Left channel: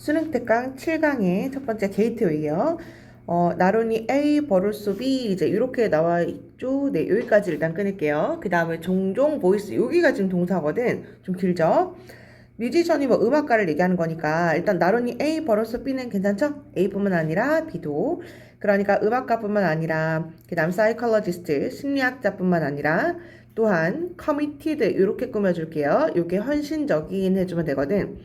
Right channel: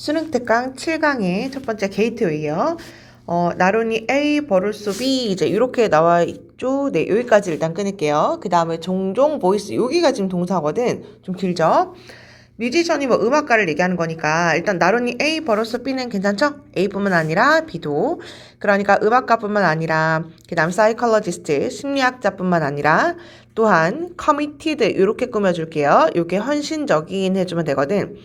수능 특강 7강의 첫 번째 게이트웨이요. 나론이 A, 버릇소 B 이제 이렇게 나와 있죠. 네, 여기까지 일단 끊을게요. 그 다음에 종종 보이스 여기가 지금 동사거든. 좀 길죠? 뮤지션이 뭐 음악가를 얘기하는 거니까 일단 나론이 A, 버릇소 B는 괜찮죠? A뿐만 아니라 B도. 그러니까 음악가뿐만 아니라 그 다음 사이콜로지스트 심리학자뿐만 아니라 또한 committed 이렇게 꾸며줄게요. 이게 헌신적인 해주면 되거든.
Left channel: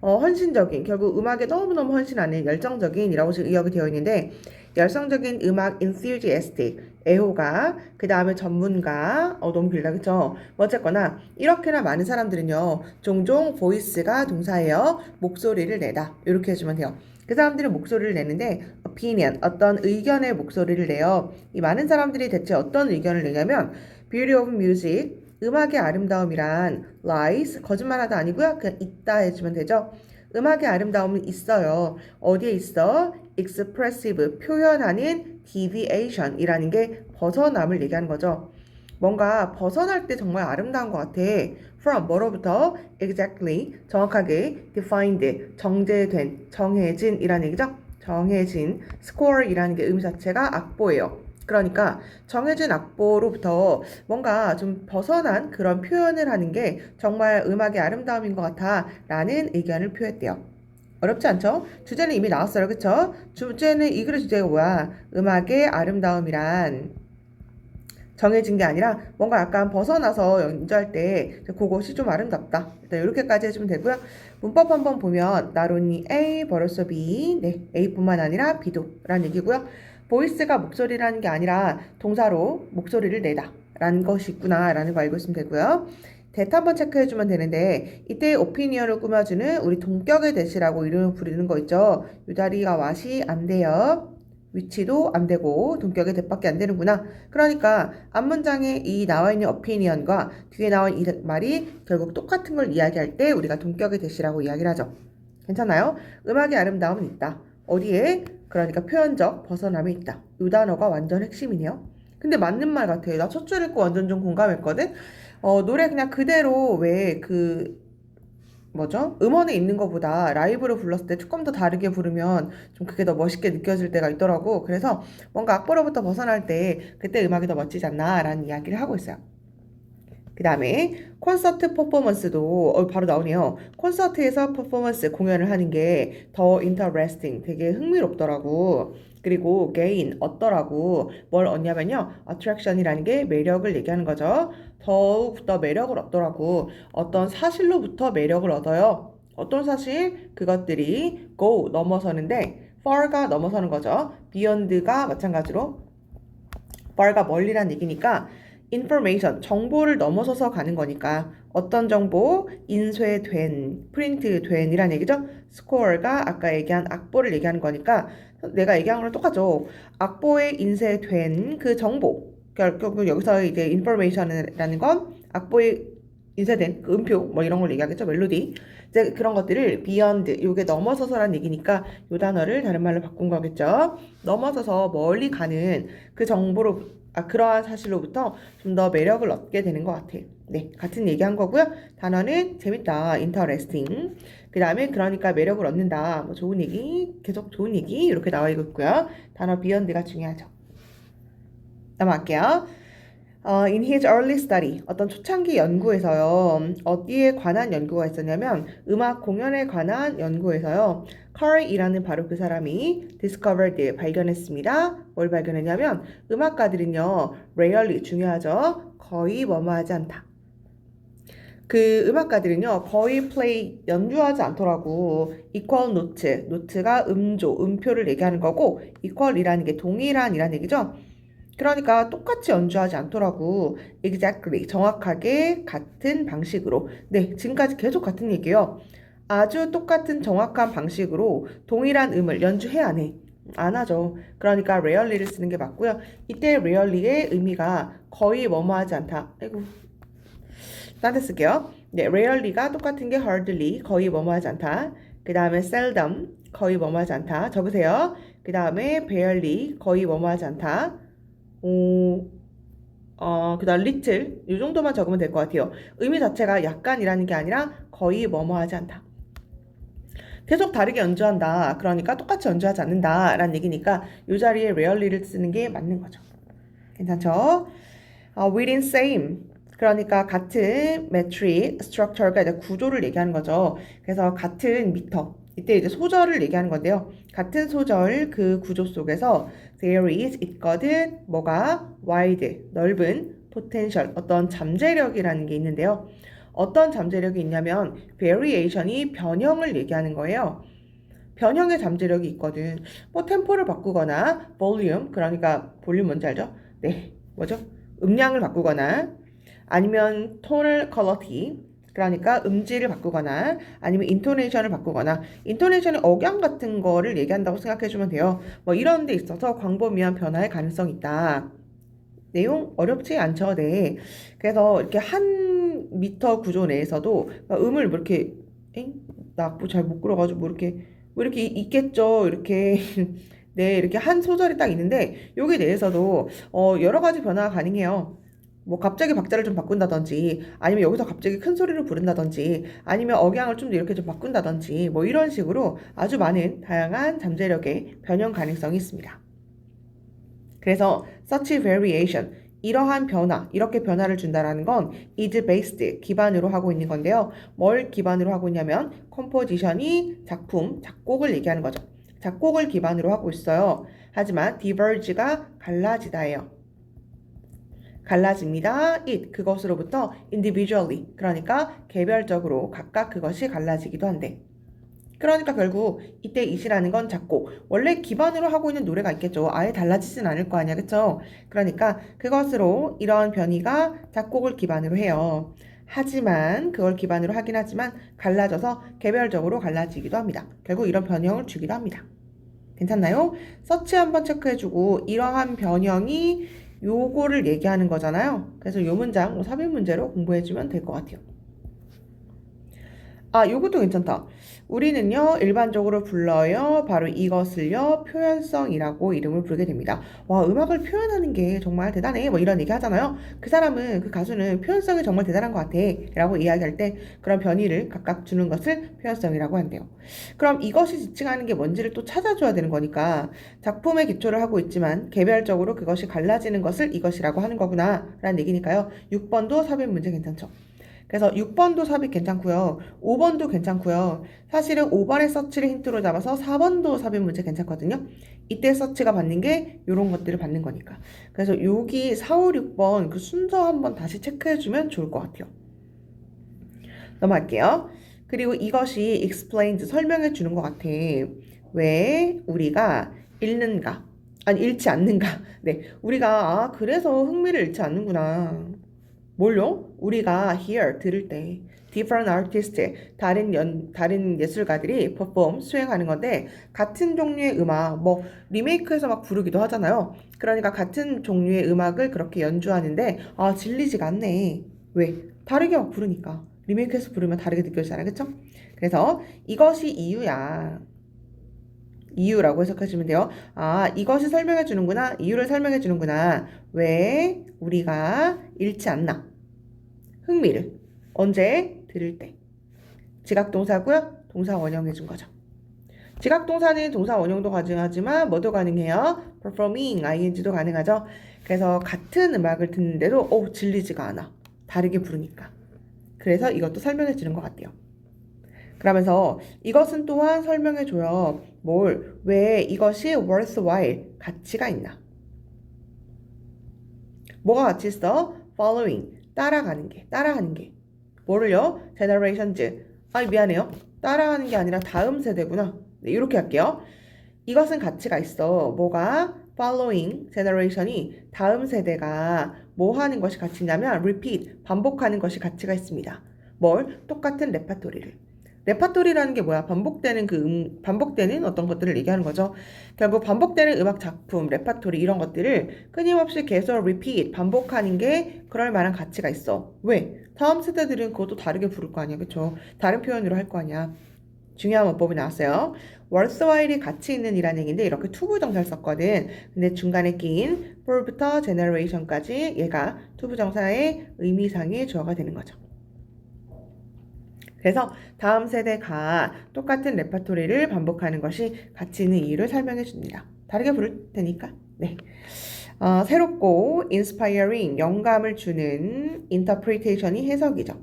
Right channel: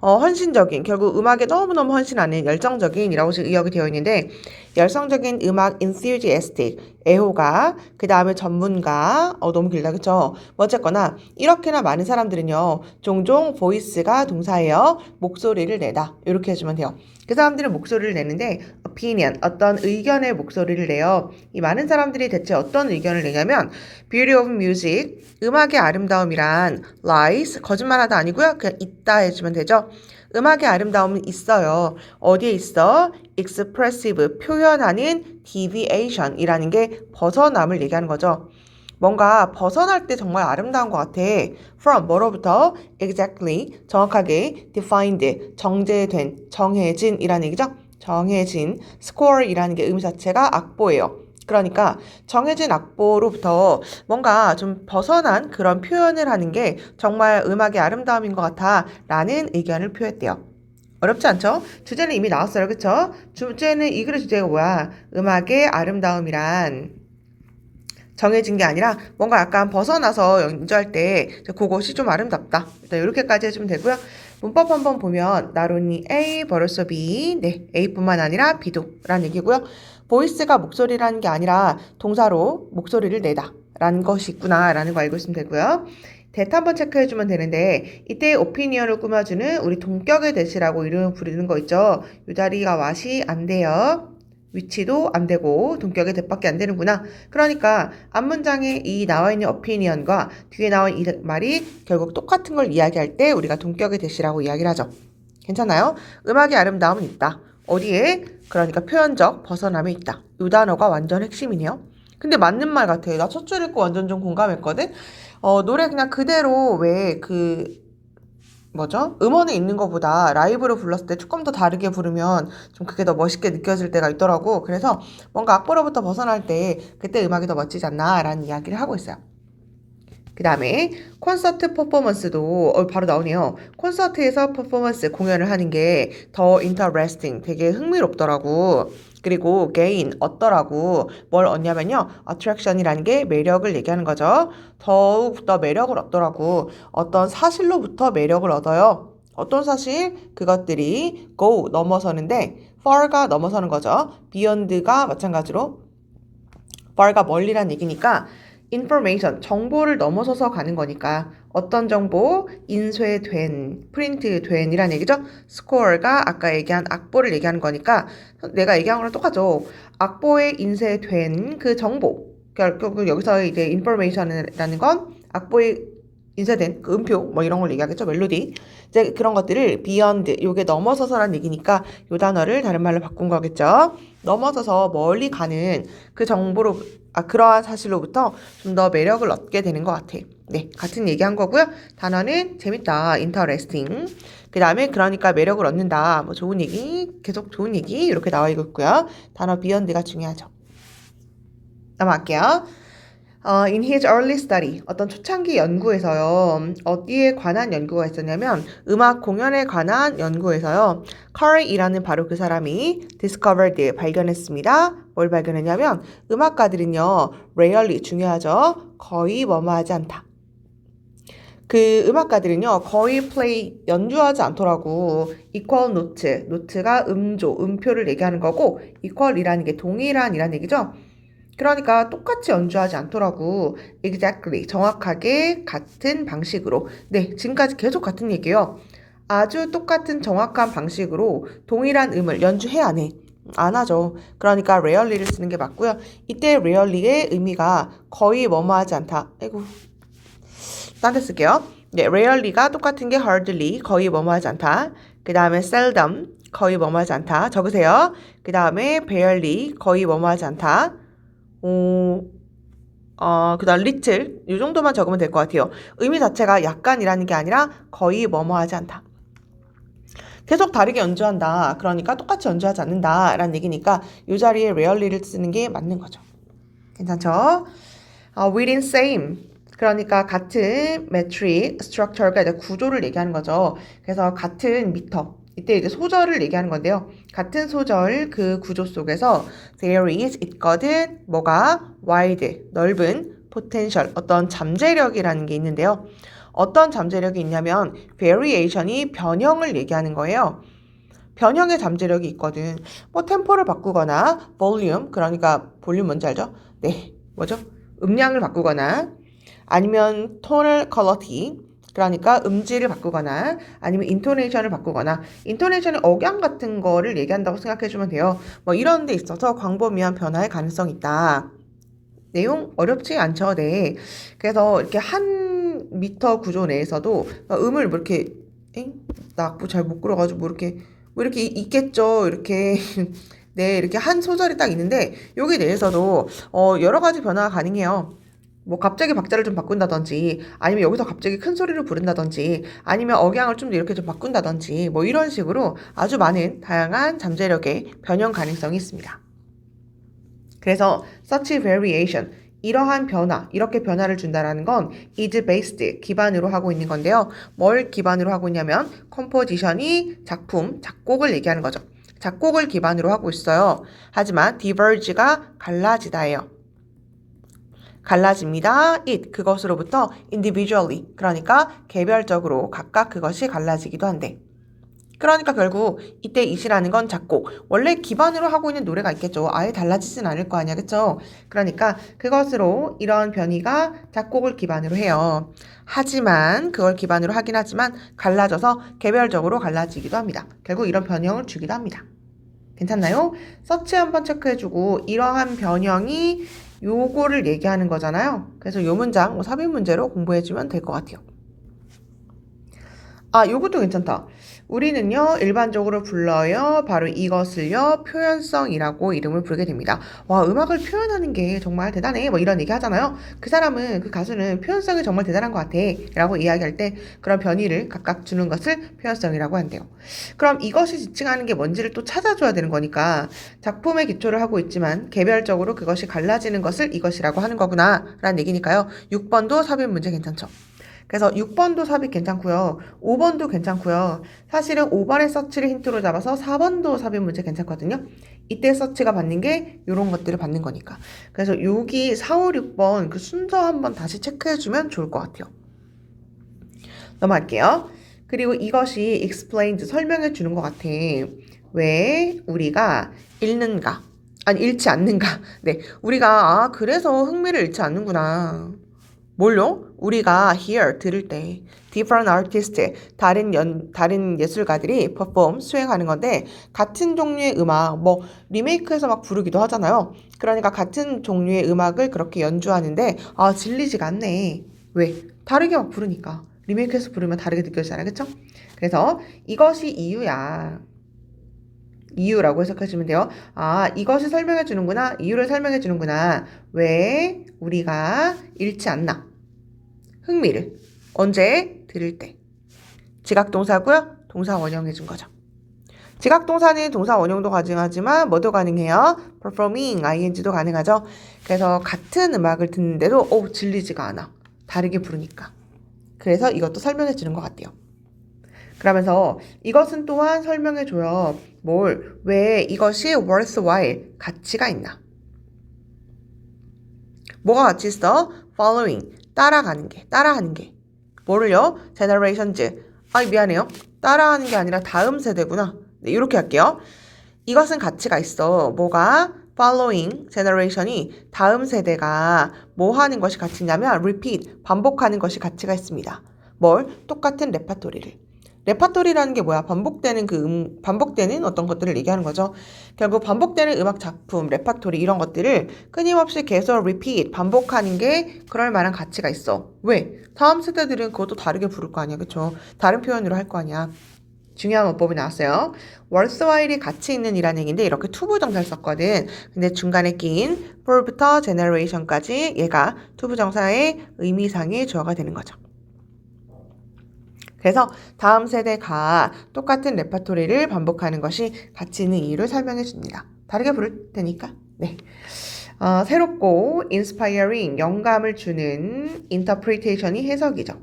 헌신적인, 결국 음악에 너무너무 헌신하는 열정적인이라고 지금 의역이 되어 있는데 열성적인 음악 enthusiastic, 애호가, 그 다음에 전문가, 너무 길다 그쵸? 뭐 어쨌거나 이렇게나 많은 사람들은요 종종 voice가 동사예요. 목소리를 내다 이렇게 해주면 돼요. 그 사람들은 목소리를 내는데 opinion, 어떤 의견의 목소리를 내요. 이 많은 사람들이 대체 어떤 의견을 내냐면 beauty of music, 음악의 아름다움이란 lies, 거짓말하다 아니고요. 그냥 있다 해주면 되죠. 음악의 아름다움은 있어요. 어디에 있어? expressive, 표현하는 deviation이라는 게 벗어남을 얘기하는 거죠. 뭔가 벗어날 때 정말 아름다운 것 같아. From 뭐로부터? Exactly, 정확하게 defined, 정제된, 정해진이라는 얘기죠. 정해진, score이라는 게 의미 자체가 악보예요. 그러니까 정해진 악보로부터 뭔가 좀 벗어난 그런 표현을 하는 게 정말 음악의 아름다움인 것 같아 라는 의견을 표했대요. 어렵지 않죠? 주제는 이미 나왔어요. 그쵸? 주제는 이 글의 주제가 뭐야? 음악의 아름다움이란 정해진 게 아니라 뭔가 약간 벗어나서 연주할 때 그것이 좀 아름답다. 이렇게까지 해주면 되고요. 문법 한번 보면 not only A, but also B. 네, A뿐만 아니라 B도 라는 얘기고요. 보이스가 목소리라는 게 아니라 동사로 목소리를 내다 라는 것이 있구나 라는 거 알고 있으면 되고요. 대타 한번 체크해주면 되는데 이때 오피니언을 꾸며주는 우리 동격의 대시라고 이름을 부르는 거 있죠. 이 자리가 왓이 안 돼요. 위치도 안 되고 동격의 대밖에 안 되는구나. 그러니까 앞문장에 이 나와 있는 opinion과 뒤에 나온 이 말이 결국 똑같은 걸 이야기할 때 우리가 동격의 대시라고 이야기를 하죠. 괜찮아요? 음악의 아름다움은 있다. 어디에? 그러니까 표현적 벗어남에 있다. 이 단어가 완전 핵심이네요. 근데 맞는 말 같아요. 나 첫 줄 읽고 완전 좀 공감했거든. 노래 그냥 그대로 왜 뭐죠? 음원에 있는 것보다 라이브로 불렀을 때 조금 더 다르게 부르면 좀 그게 더 멋있게 느껴질 때가 있더라고. 그래서 뭔가 악보로부터 벗어날 때 그때 음악이 더 멋지지 않나 라는 이야기를 하고 있어요. 그 다음에 콘서트 퍼포먼스도 바로 나오네요. 콘서트에서 퍼포먼스 공연을 하는 게 더 interesting, 되게 흥미롭더라고. 그리고 gain, 얻더라고. 뭘 얻냐면요. attraction이라는 게 매력을 얘기하는 거죠. 더욱 더 매력을 얻더라고. 어떤 사실로부터 매력을 얻어요. 어떤 사실? 그것들이 go, 넘어서는데 far가 넘어서는 거죠. beyond가 마찬가지로 far가 멀리란 얘기니까 information, 정보를 넘어서서 가는 거니까 어떤 정보? 인쇄된, 프린트된 이란 얘기죠. score가 아까 얘기한 악보를 얘기하는 거니까 내가 얘기한 거랑 똑같죠. 악보에 인쇄된 그 정보. 결국 여기서 이제 information이라는 건 악보에 인쇄된 그 음표 뭐 이런 걸 얘기하겠죠. 멜로디. 이제 그런 것들을 beyond, 요게 넘어서서란 얘기니까 요 단어를 다른 말로 바꾼 거겠죠. 넘어서서 멀리 가는 그 정보로 그러한 사실로부터 좀 더 매력을 얻게 되는 것 같아. 네, 같은 얘기한 거고요. 단어는 재밌다, interesting. 그 다음에 그러니까 매력을 얻는다, 뭐 좋은 얘기, 계속 좋은 얘기 이렇게 나와 있고요. 단어 beyond가 중요하죠. 넘어갈게요. In his early study, 어떤 초창기 연구에서요. 어디에 관한 연구가 있었냐면 음악 공연에 관한 연구에서요. Carl이라는 바로 그 사람이 discovered, 발견했습니다. 뭘 발견했냐면 음악가들은요. rarely, 중요하죠. 거의 뭐뭐하지 않다. 그 음악가들은요. 거의 play, 연주하지 않더라고. equal note, 노트가 음조, 음표를 얘기하는 거고 equal이라는 게 동일한이라는 얘기죠. 그러니까 똑같이 연주하지 않더라고. Exactly. 정확하게 같은 방식으로. 네, 지금까지 계속 같은 얘기예요. 아주 똑같은 정확한 방식으로 동일한 음을 연주해 안 해? 안 하죠. 그러니까 rarely를 쓰는 게 맞고요. 이때 rarely의 의미가 거의 뭐뭐하지 않다. 아이고, 딴 데 쓸게요. 네, rarely가 똑같은 게 hardly, 거의 뭐뭐하지 않다. 그 다음에 seldom, 거의 뭐뭐하지 않다. 적으세요. 그 다음에 barely, 거의 뭐뭐하지 않다. 그 다음 little 이 정도만 적으면 될 것 같아요. 의미 자체가 약간이라는 게 아니라 거의 뭐뭐하지 않다. 계속 다르게 연주한다. 그러니까 똑같이 연주하지 않는다. 라는 얘기니까 이 자리에 rarely를 쓰는 게 맞는 거죠. 괜찮죠? within same. 그러니까 같은 metric structure가 이제 구조를 얘기하는 거죠. 그래서 같은 미터. 이때 이제 소절을 얘기하는 건데요. 같은 소절 그 구조 속에서 there is 있거든 뭐가 wide 넓은 potential 어떤 잠재력이라는 게 있는데요. 어떤 잠재력이 있냐면 variation이 변형을 얘기하는 거예요. 변형의 잠재력이 있거든. 뭐 템포를 바꾸거나 볼륨 그러니까 볼륨 뭔지 알죠? 네, 뭐죠? 음량을 바꾸거나 아니면 tonal quality 그러니까 음질을 바꾸거나 아니면 인토네이션을 바꾸거나 인토네이션의 억양 같은 거를 얘기한다고 생각해 주면 돼요. 뭐 이런 데 있어서 광범위한 변화의 가능성이 있다. 내용 어렵지 않죠? 네. 그래서 이렇게 한 미터 구조 내에서도 음을 뭐 이렇게 나 악보 잘 못 끌어가지고 뭐 이렇게 있겠죠. 이렇게 네 이렇게 한 소절이 딱 있는데 여기 내에서도 여러 가지 변화가 가능해요. 뭐 갑자기 박자를 좀 바꾼다든지 아니면 여기서 갑자기 큰 소리를 부른다든지 아니면 억양을 좀 이렇게 좀 바꾼다든지 뭐 이런 식으로 아주 많은 다양한 잠재력의 변형 가능성이 있습니다. 그래서 such variation 이러한 변화, 이렇게 변화를 준다라는 건 is based 기반으로 하고 있는 건데요. 뭘 기반으로 하고 있냐면 composition이 작품, 작곡을 얘기하는 거죠. 작곡을 기반으로 하고 있어요. 하지만 diverge가 갈라지다예요. 갈라집니다. it 그것으로부터 individually 그러니까 개별적으로 각각 그것이 갈라지기도 한데 그러니까 결국 이때 it이라는 건 작곡 원래 기반으로 하고 있는 노래가 있겠죠. 아예 달라지진 않을 거 아니야 그쵸? 그러니까 그것으로 이런 변이가 작곡을 기반으로 해요. 하지만 그걸 기반으로 하긴 하지만 갈라져서 개별적으로 갈라지기도 합니다. 결국 이런 변형을 주기도 합니다. 괜찮나요? 서치 한번 체크해주고 이러한 변형이 요거를 얘기하는 거잖아요. 그래서 요 문장 삽입 문제로 공부해주면 될 것 같아요. 요것도 괜찮다. 우리는요, 일반적으로 불러요. 바로 이것을요, 표현성이라고 이름을 부르게 됩니다. 와, 음악을 표현하는 게 정말 대단해. 뭐 이런 얘기 하잖아요. 그 사람은, 그 가수는 표현성이 정말 대단한 것 같아. 라고 이야기할 때 그런 변이를 각각 주는 것을 표현성이라고 한대요. 그럼 이것이 지칭하는 게 뭔지를 또 찾아줘야 되는 거니까 작품에 기초를 하고 있지만 개별적으로 그것이 갈라지는 것을 이것이라고 하는 거구나. 라는 얘기니까요. 6번도 삽입 문제 괜찮죠? 그래서 6번도 삽입 괜찮고요. 5번도 괜찮고요. 사실은 5번의 서치를 힌트로 잡아서 4번도 삽입 문제 괜찮거든요. 이때 서치가 받는 게 이런 것들을 받는 거니까. 그래서 여기 4, 5, 6번 그 순서 한번 다시 체크해주면 좋을 것 같아요. 넘어갈게요. 그리고 이것이 explains 설명해 주는 것 같아. 왜 우리가 읽는가? 아니 읽지 않는가? 네, 우리가 그래서 흥미를 잃지 않는구나. 뭘요? 우리가 hear 들을 때 different artists 다른 예술가들이 perform 수행하는 건데 같은 종류의 음악 뭐 리메이크해서 막 부르기도 하잖아요. 그러니까 같은 종류의 음악을 그렇게 연주하는데 질리지가 않네. 왜? 다르게 막 부르니까 리메이크해서 부르면 다르게 느껴지잖아요. 그쵸? 그래서 이것이 이유야. 이유라고 해석해주면 돼요. 이것을 설명해 주는구나. 이유를 설명해 주는구나. 왜 우리가 잃지 않나? 흥미를. 언제? 들을 때. 지각동사고요. 동사 원형해 준 거죠. 지각동사는 동사 원형도 가능하지만 뭐도 가능해요? performing, ing도 가능하죠. 그래서 같은 음악을 듣는데도 질리지가 않아. 다르게 부르니까. 그래서 이것도 설명해 주는 것 같아요. 그러면서 이것은 또한 설명해 줘요. 왜 이것이 worthwhile, 가치가 있나? 뭐가 가치 있어? following, 따라하는 게. 뭐를요? generations. 미안해요. 따라하는 게 아니라 다음 세대구나. 네, 이렇게 할게요. 이것은 가치가 있어. 뭐가? following generation이 다음 세대가 뭐 하는 것이 가치냐면 repeat, 반복하는 것이 가치가 있습니다. 똑같은 레파토리를. 레파토리라는 게 뭐야? 반복되는 어떤 것들을 얘기하는 거죠. 결국 반복되는 음악 작품, 레파토리 이런 것들을 끊임없이 계속 repeat, 반복하는 게 그럴 만한 가치가 있어. 왜? 다음 세대들은 그것도 다르게 부를 거 아니야. 그쵸? 다른 표현으로 할 거 아니야. 중요한 문법이 나왔어요. worthwhile이 가치 있는 이라는 얘기인데 이렇게 투부정사를 썼거든. 근데 중간에 낀 for부터 generation까지 얘가 투부정사의 의미상의 주어가 되는 거죠. 그래서 다음 세대가 똑같은 레퍼토리를 반복하는 것이 가치 있는 이유를 설명해 줍니다. 다르게 부를 테니까. 네. 새롭고 inspiring, 영감을 주는 interpretation이 해석이죠.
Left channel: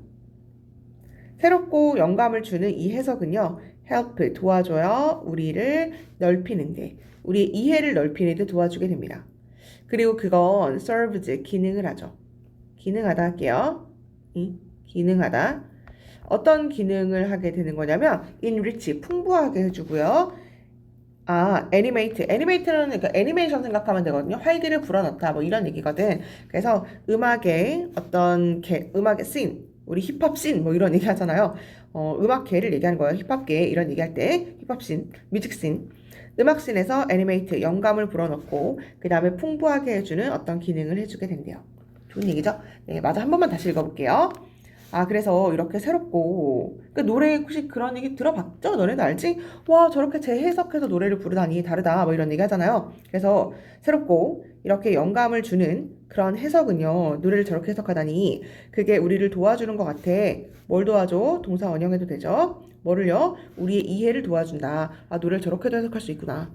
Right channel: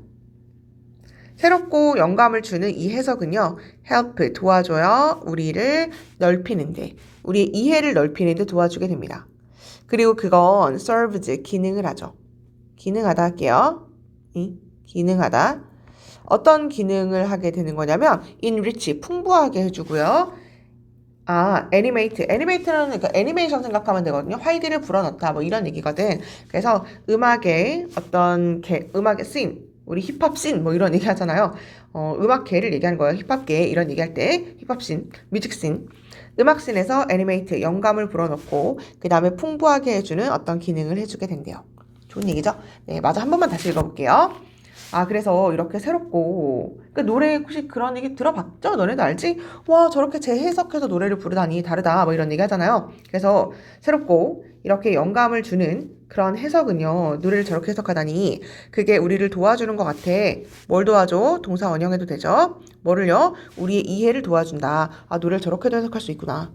새롭고 영감을 주는 이 해석은요, help, 도와줘요. 우리를 넓히는데, 우리의 이해를 넓히는데 도와주게 됩니다. 그리고 그건 serves, 기능을 하죠. 기능하다 할게요. 기능하다. 어떤 기능을 하게 되는 거냐면 enrich, 풍부하게 해주고요. 애니메이트는 그러니까 애니메이션 생각하면 되거든요. 활기를 불어넣다 뭐 이런 얘기거든. 그래서 음악의 어떤 음악의 씬, 우리 힙합 씬 뭐 이런 얘기 하잖아요. 음악계를 얘기하는 거예요. 힙합계 이런 얘기할 때 힙합 씬, 뮤직 씬. 음악 씬에서 애니메이트, 영감을 불어넣고 그 다음에 풍부하게 해주는 어떤 기능을 해주게 된대요. 좋은 얘기죠? 네, 맞아. 한 번만 다시 읽어볼게요. 그래서 이렇게 새롭고, 그 노래 혹시 그런 얘기 들어봤죠? 너네도 알지? 와, 저렇게 재해석해서 노래를 부르다니 다르다. 뭐 이런 얘기 하잖아요. 그래서 새롭고, 이렇게 영감을 주는 그런 해석은요, 노래를 저렇게 해석하다니, 그게 우리를 도와주는 것 같아. 뭘 도와줘? 동사 원형해도 되죠? 뭐를요? 우리의 이해를 도와준다. 노래를 저렇게도 해석할 수 있구나.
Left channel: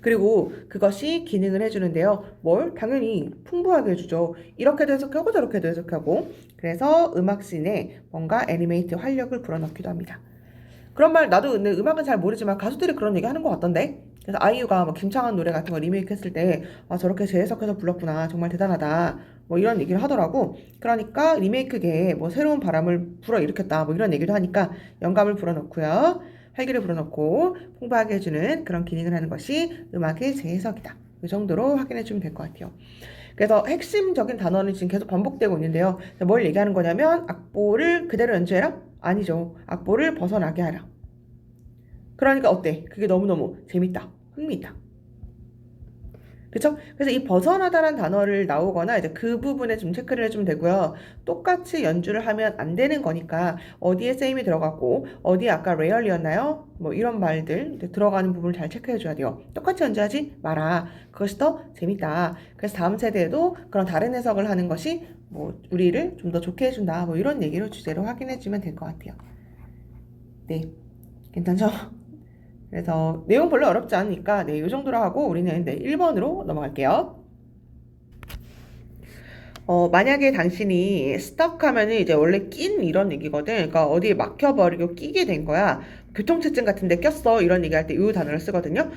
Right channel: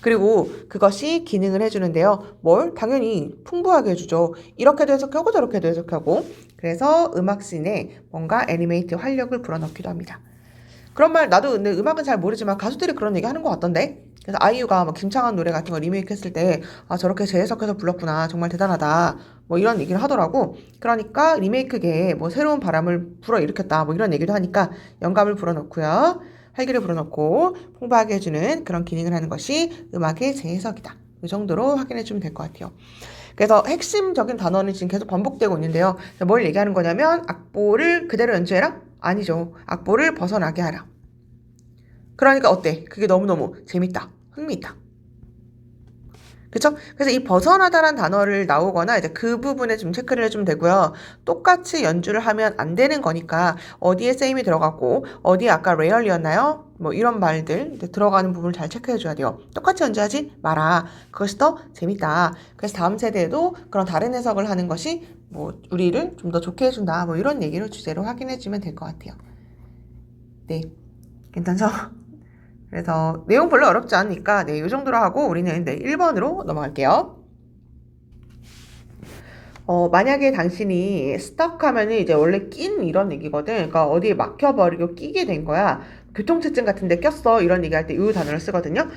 그리고 그것이 기능을 해주는데요. 뭘? 당연히 풍부하게 해주죠. 이렇게도 해석하고 저렇게도 해석하고. 그래서 음악씬에 뭔가 애니메이트 활력을 불어넣기도 합니다. 그런 말 나도 근데 음악은 잘 모르지만 가수들이 그런 얘기 하는 것 같던데. 그래서 아이유가 막 김창완 노래 같은 거 리메이크 했을 때 저렇게 재해석해서 불렀구나. 정말 대단하다. 뭐 이런 얘기를 하더라고. 그러니까 리메이크계에 뭐 새로운 바람을 불어일으켰다. 뭐 이런 얘기를 하니까 영감을 불어넣고요. 활기를 불어넣고 풍부하게 해주는 그런 기능을 하는 것이 음악의 재해석이다. 이 정도로 확인해 주면 될 것 같아요. 그래서 핵심적인 단어는 지금 계속 반복되고 있는데요. 뭘 얘기하는 거냐면 악보를 그대로 연주해라? 아니죠. 악보를 벗어나게 하라. 그러니까 어때? 그게 너무너무 재밌다. 흥미있다. 그쵸? 그래서 이 벗어나다란 단어를 나오거나 이제 그 부분에 좀 체크를 해주면 되고요. 똑같이 연주를 하면 안 되는 거니까 어디에 same이 들어갔고 어디에 아까 rarely였나요? 뭐 이런 말들 들어가는 부분을 잘 체크해줘야 돼요. 똑같이 연주하지 마라. 그것이 더 재밌다. 그래서 다음 세대에도 그런 다른 해석을 하는 것이 뭐 우리를 좀 더 좋게 해준다. 뭐 이런 얘기를 주제로 확인해주면 될 것 같아요. 네, 괜찮죠? 그래서 내용 별로 어렵지 않으니까 이 정도로 하고 우리는 1번으로 넘어갈게요. 만약에 당신이 stuck 하면은 이제 원래 낀 이런 얘기거든. 그러니까 어디에 막혀버리고 끼게 된 거야. 교통체증 같은 데 꼈어. 이런 얘기할 때 이 단어를 쓰거든요.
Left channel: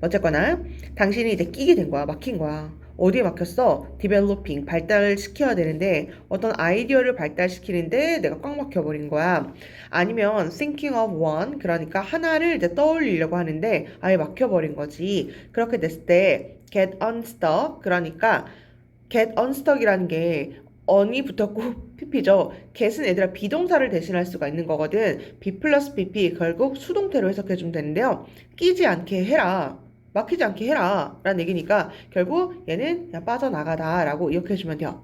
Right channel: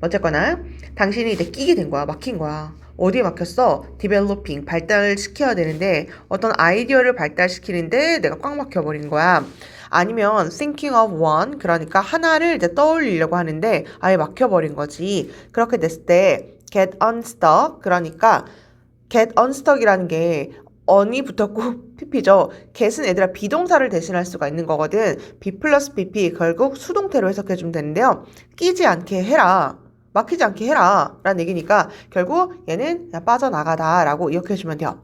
어쨌거나 당신이 이제 끼게 된 거야. 막힌 거야. 어디에 막혔어? developing, 발달시켜야 되는데 어떤 아이디어를 발달시키는데 내가 꽉 막혀버린 거야. 아니면 thinking of one, 그러니까 하나를 이제 떠올리려고 하는데 아예 막혀버린 거지. 그렇게 됐을 때 get unstuck, 그러니까 get unstuck이라는 게 on이 붙었고 pp죠. get은 얘들아 비동사를 대신할 수가 있는 거거든. be 플러스 pp 결국 수동태로 해석해주면 되는데요. 끼지 않게 해라. 막히지 않게 해라 라는 얘기니까 결국 얘는 그냥 빠져나가다 라고 이렇게 해주면 돼요.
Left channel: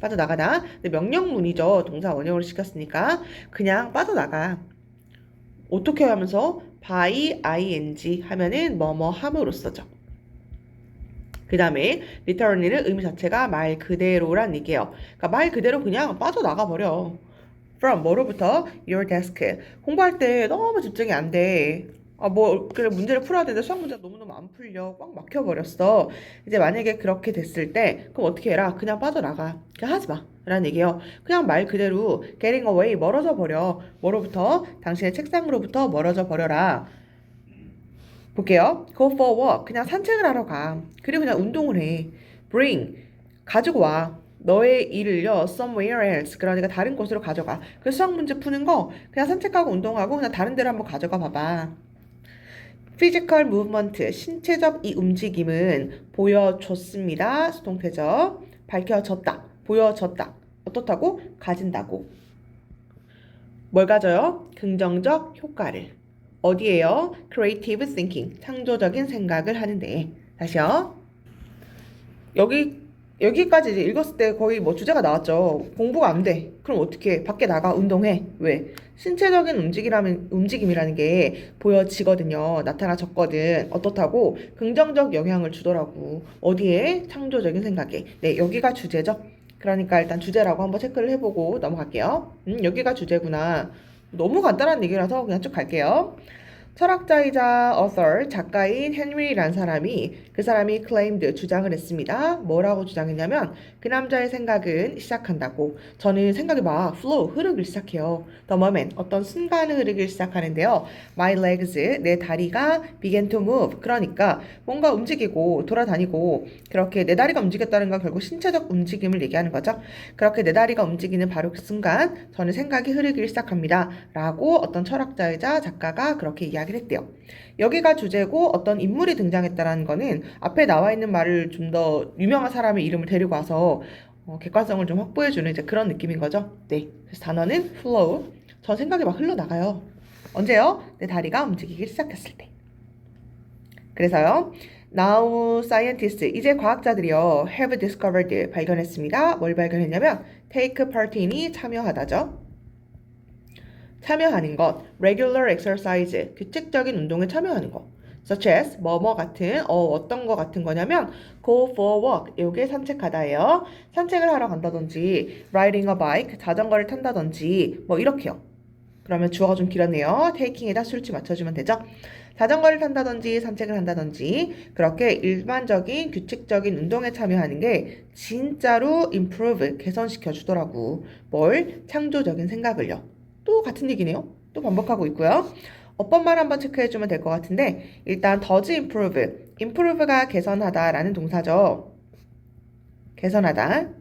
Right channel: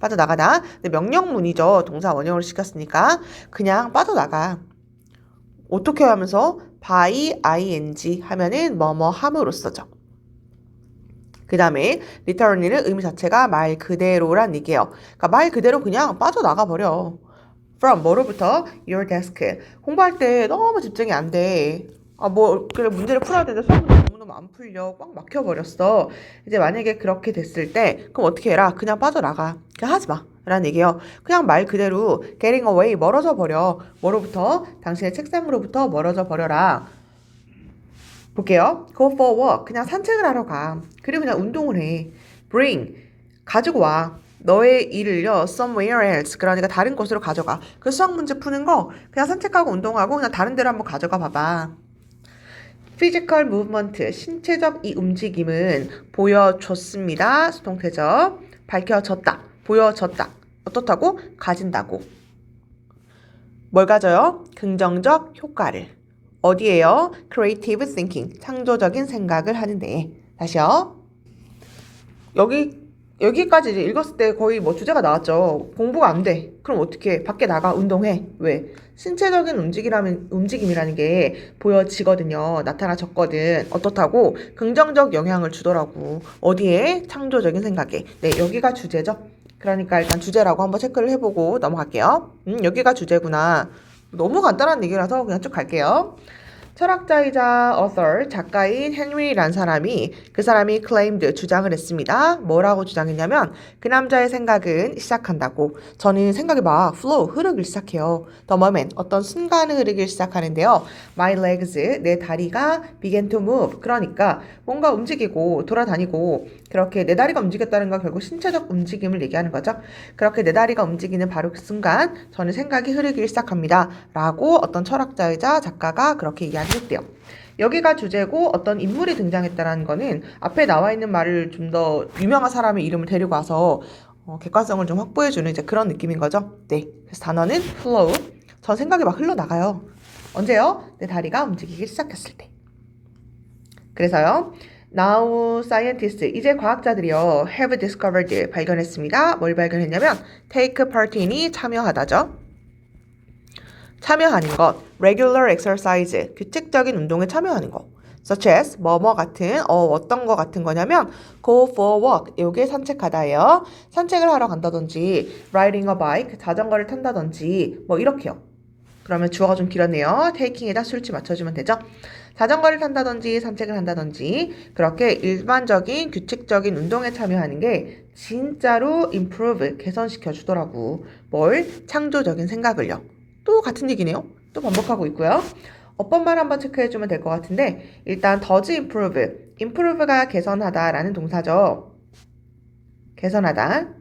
빠져나가다. 근데 명령문이죠. 동사 원형으로 시켰으니까 그냥 빠져나가. 어떻게 하면서 by ing 하면은 뭐뭐 함으로써죠. 그 다음에 literally는 의미 자체가 말 그대로란 얘기예요. 그러니까 말 그대로 그냥 빠져나가 버려. from 뭐로부터 your desk. 공부할 때 너무 집중이 안 돼. 그래 문제를 풀어야 되는데 수학 문제 너무너무 안 풀려. 꽉 막혀버렸어. 이제 만약에 그렇게 됐을 때 그럼 어떻게 해라? 그냥 빠져나가. 그냥 하지 마. 라는 얘기예요. 그냥 말 그대로 getting away, 멀어져 버려. 뭐로부터? 당신의 책상으로부터 멀어져 버려라. 볼게요. go for a walk. 그냥 산책을 하러 가. 그리고 그냥 운동을 해. bring. 가지고 와. 너의 일을요, somewhere else. 그러니까 다른 곳으로 가져가. 그 수학 문제 푸는 거 그냥 산책하고 운동하고 그냥 다른 데로 한번 가져가 봐봐. physical movement. 신체적 이 움직임은 보여줬습니다. 수동태죠. 밝혀졌다. 보여졌다. 어떻다고? 가진다고. 뭘 가져요? 긍정적 효과를. 어디에요? creative thinking, 창조적인 생각을 하는데. 다시요. 여기까지 이제 읽었을 때 거의 뭐 주제가 나왔죠. 공부가 안 돼. 그럼 어떻게? 밖에 나가 운동해. 왜? 신체적인 움직임이라는 게 보여지거든요. 나타나졌거든. 어떻다고? 긍정적 영향을 주더라고. 어디에? 창조적인 생각에. 네, 여기가 주제죠. 그러니까 일단 주제라고 한번 체크를 해보고 넘어갈게요. 여기가 주제구나. 너무 간단한 얘기라서 그냥 쭉 갈게요. 철학자이자 author, 작가인 헨리라는 그 사람이 claimed, 주장을 했습니다. 뭐라고 주장했냐면 그 남자의 생각은 시작한다고. 저는 생각이 막 flow, 흐르기 시작해요. The moment, 어떤 순간을 흐르기 시작하는데요. My legs, 내 다리가 began to move. 그러니까 뭔가 움직이고 돌아다니고 그렇게 내 다리가 움직였다는 건 결국 신체적 움직임을 얘기하는 거죠. 그렇게 내 다리가 움직이는 바로 그 순간 저는 생각이 흐르기 시작합니다. 라고 어떤 철학자이자 작가가 그렇게 이야기했대요. 여기가 주제고 어떤 인물이 등장했다는 거는 앞에 나와 있는 말을 좀 더 유명한 사람의 이름을 데리고 와서 객관성을 좀 확보해주는 이제 그런 느낌인 거죠. 네, 그래서 단어는 flow. 전 생각이 막 흘러나가요. 언제요? 내 다리가 움직이기 시작했을 때. 그래서요. Now scientists, 이제 과학자들이요. have discovered, 발견했습니다. 뭘 발견했냐면 take part in이 참여하다죠. 참여하는 것, regular exercise, 규칙적인 운동에 참여하는 것. such as, 뭐뭐 같은, 어떤 거 같은 거냐면 go for a walk, 요게 산책하다예요. 산책을 하러 간다든지 riding a bike, 자전거를 탄다든지 뭐 이렇게요. 그러면 주어가 좀 길었네요. taking에다 수일치 맞춰주면 되죠. 자전거를 탄다든지 산책을 한다든지 그렇게 일반적인 규칙적인 운동에 참여하는 게 진짜로 improve, 개선시켜 주더라고. 뭘? 창조적인 생각을요. 또 같은 얘기네요. 또 반복하고 있고요. 어법만 한번 체크해주면 될 것 같은데 일단 does improve, improve가 개선하다라는 동사죠. 개선하다.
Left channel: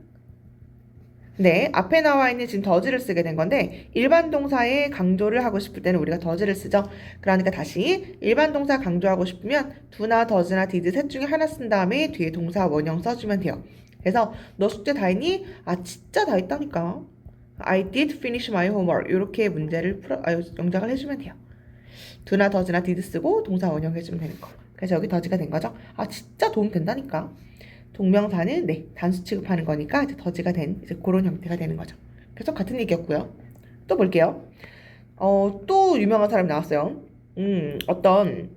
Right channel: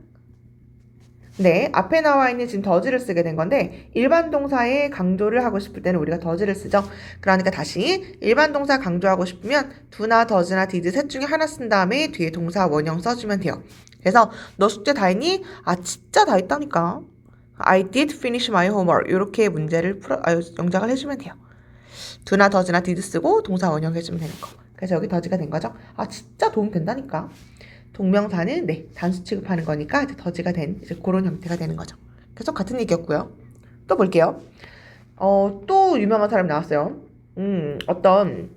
네, 앞에 나와 있는 지금 does를 쓰게 된 건데 일반 동사에 강조를 하고 싶을 때는 우리가 does를 쓰죠. 그러니까 다시 일반 동사 강조하고 싶으면 do나 does나 did 셋 중에 하나 쓴 다음에 뒤에 동사 원형 써주면 돼요. 그래서 너 숙제 다 했니? 아 진짜 다 했다니까. I did finish my homework. 이렇게 문제를 영작을 해주면 돼요. do나 does나 did 쓰고 동사 원형 해주면 되는 거. 그래서 여기 does가 된 거죠. 아 진짜 도움 된다니까. 동명사는 네 단수 취급하는 거니까 이제 does가 된 이제 그런 형태가 되는 거죠. 계속 같은 얘기였고요. 또 볼게요. 또 유명한 사람이 나왔어요. 어떤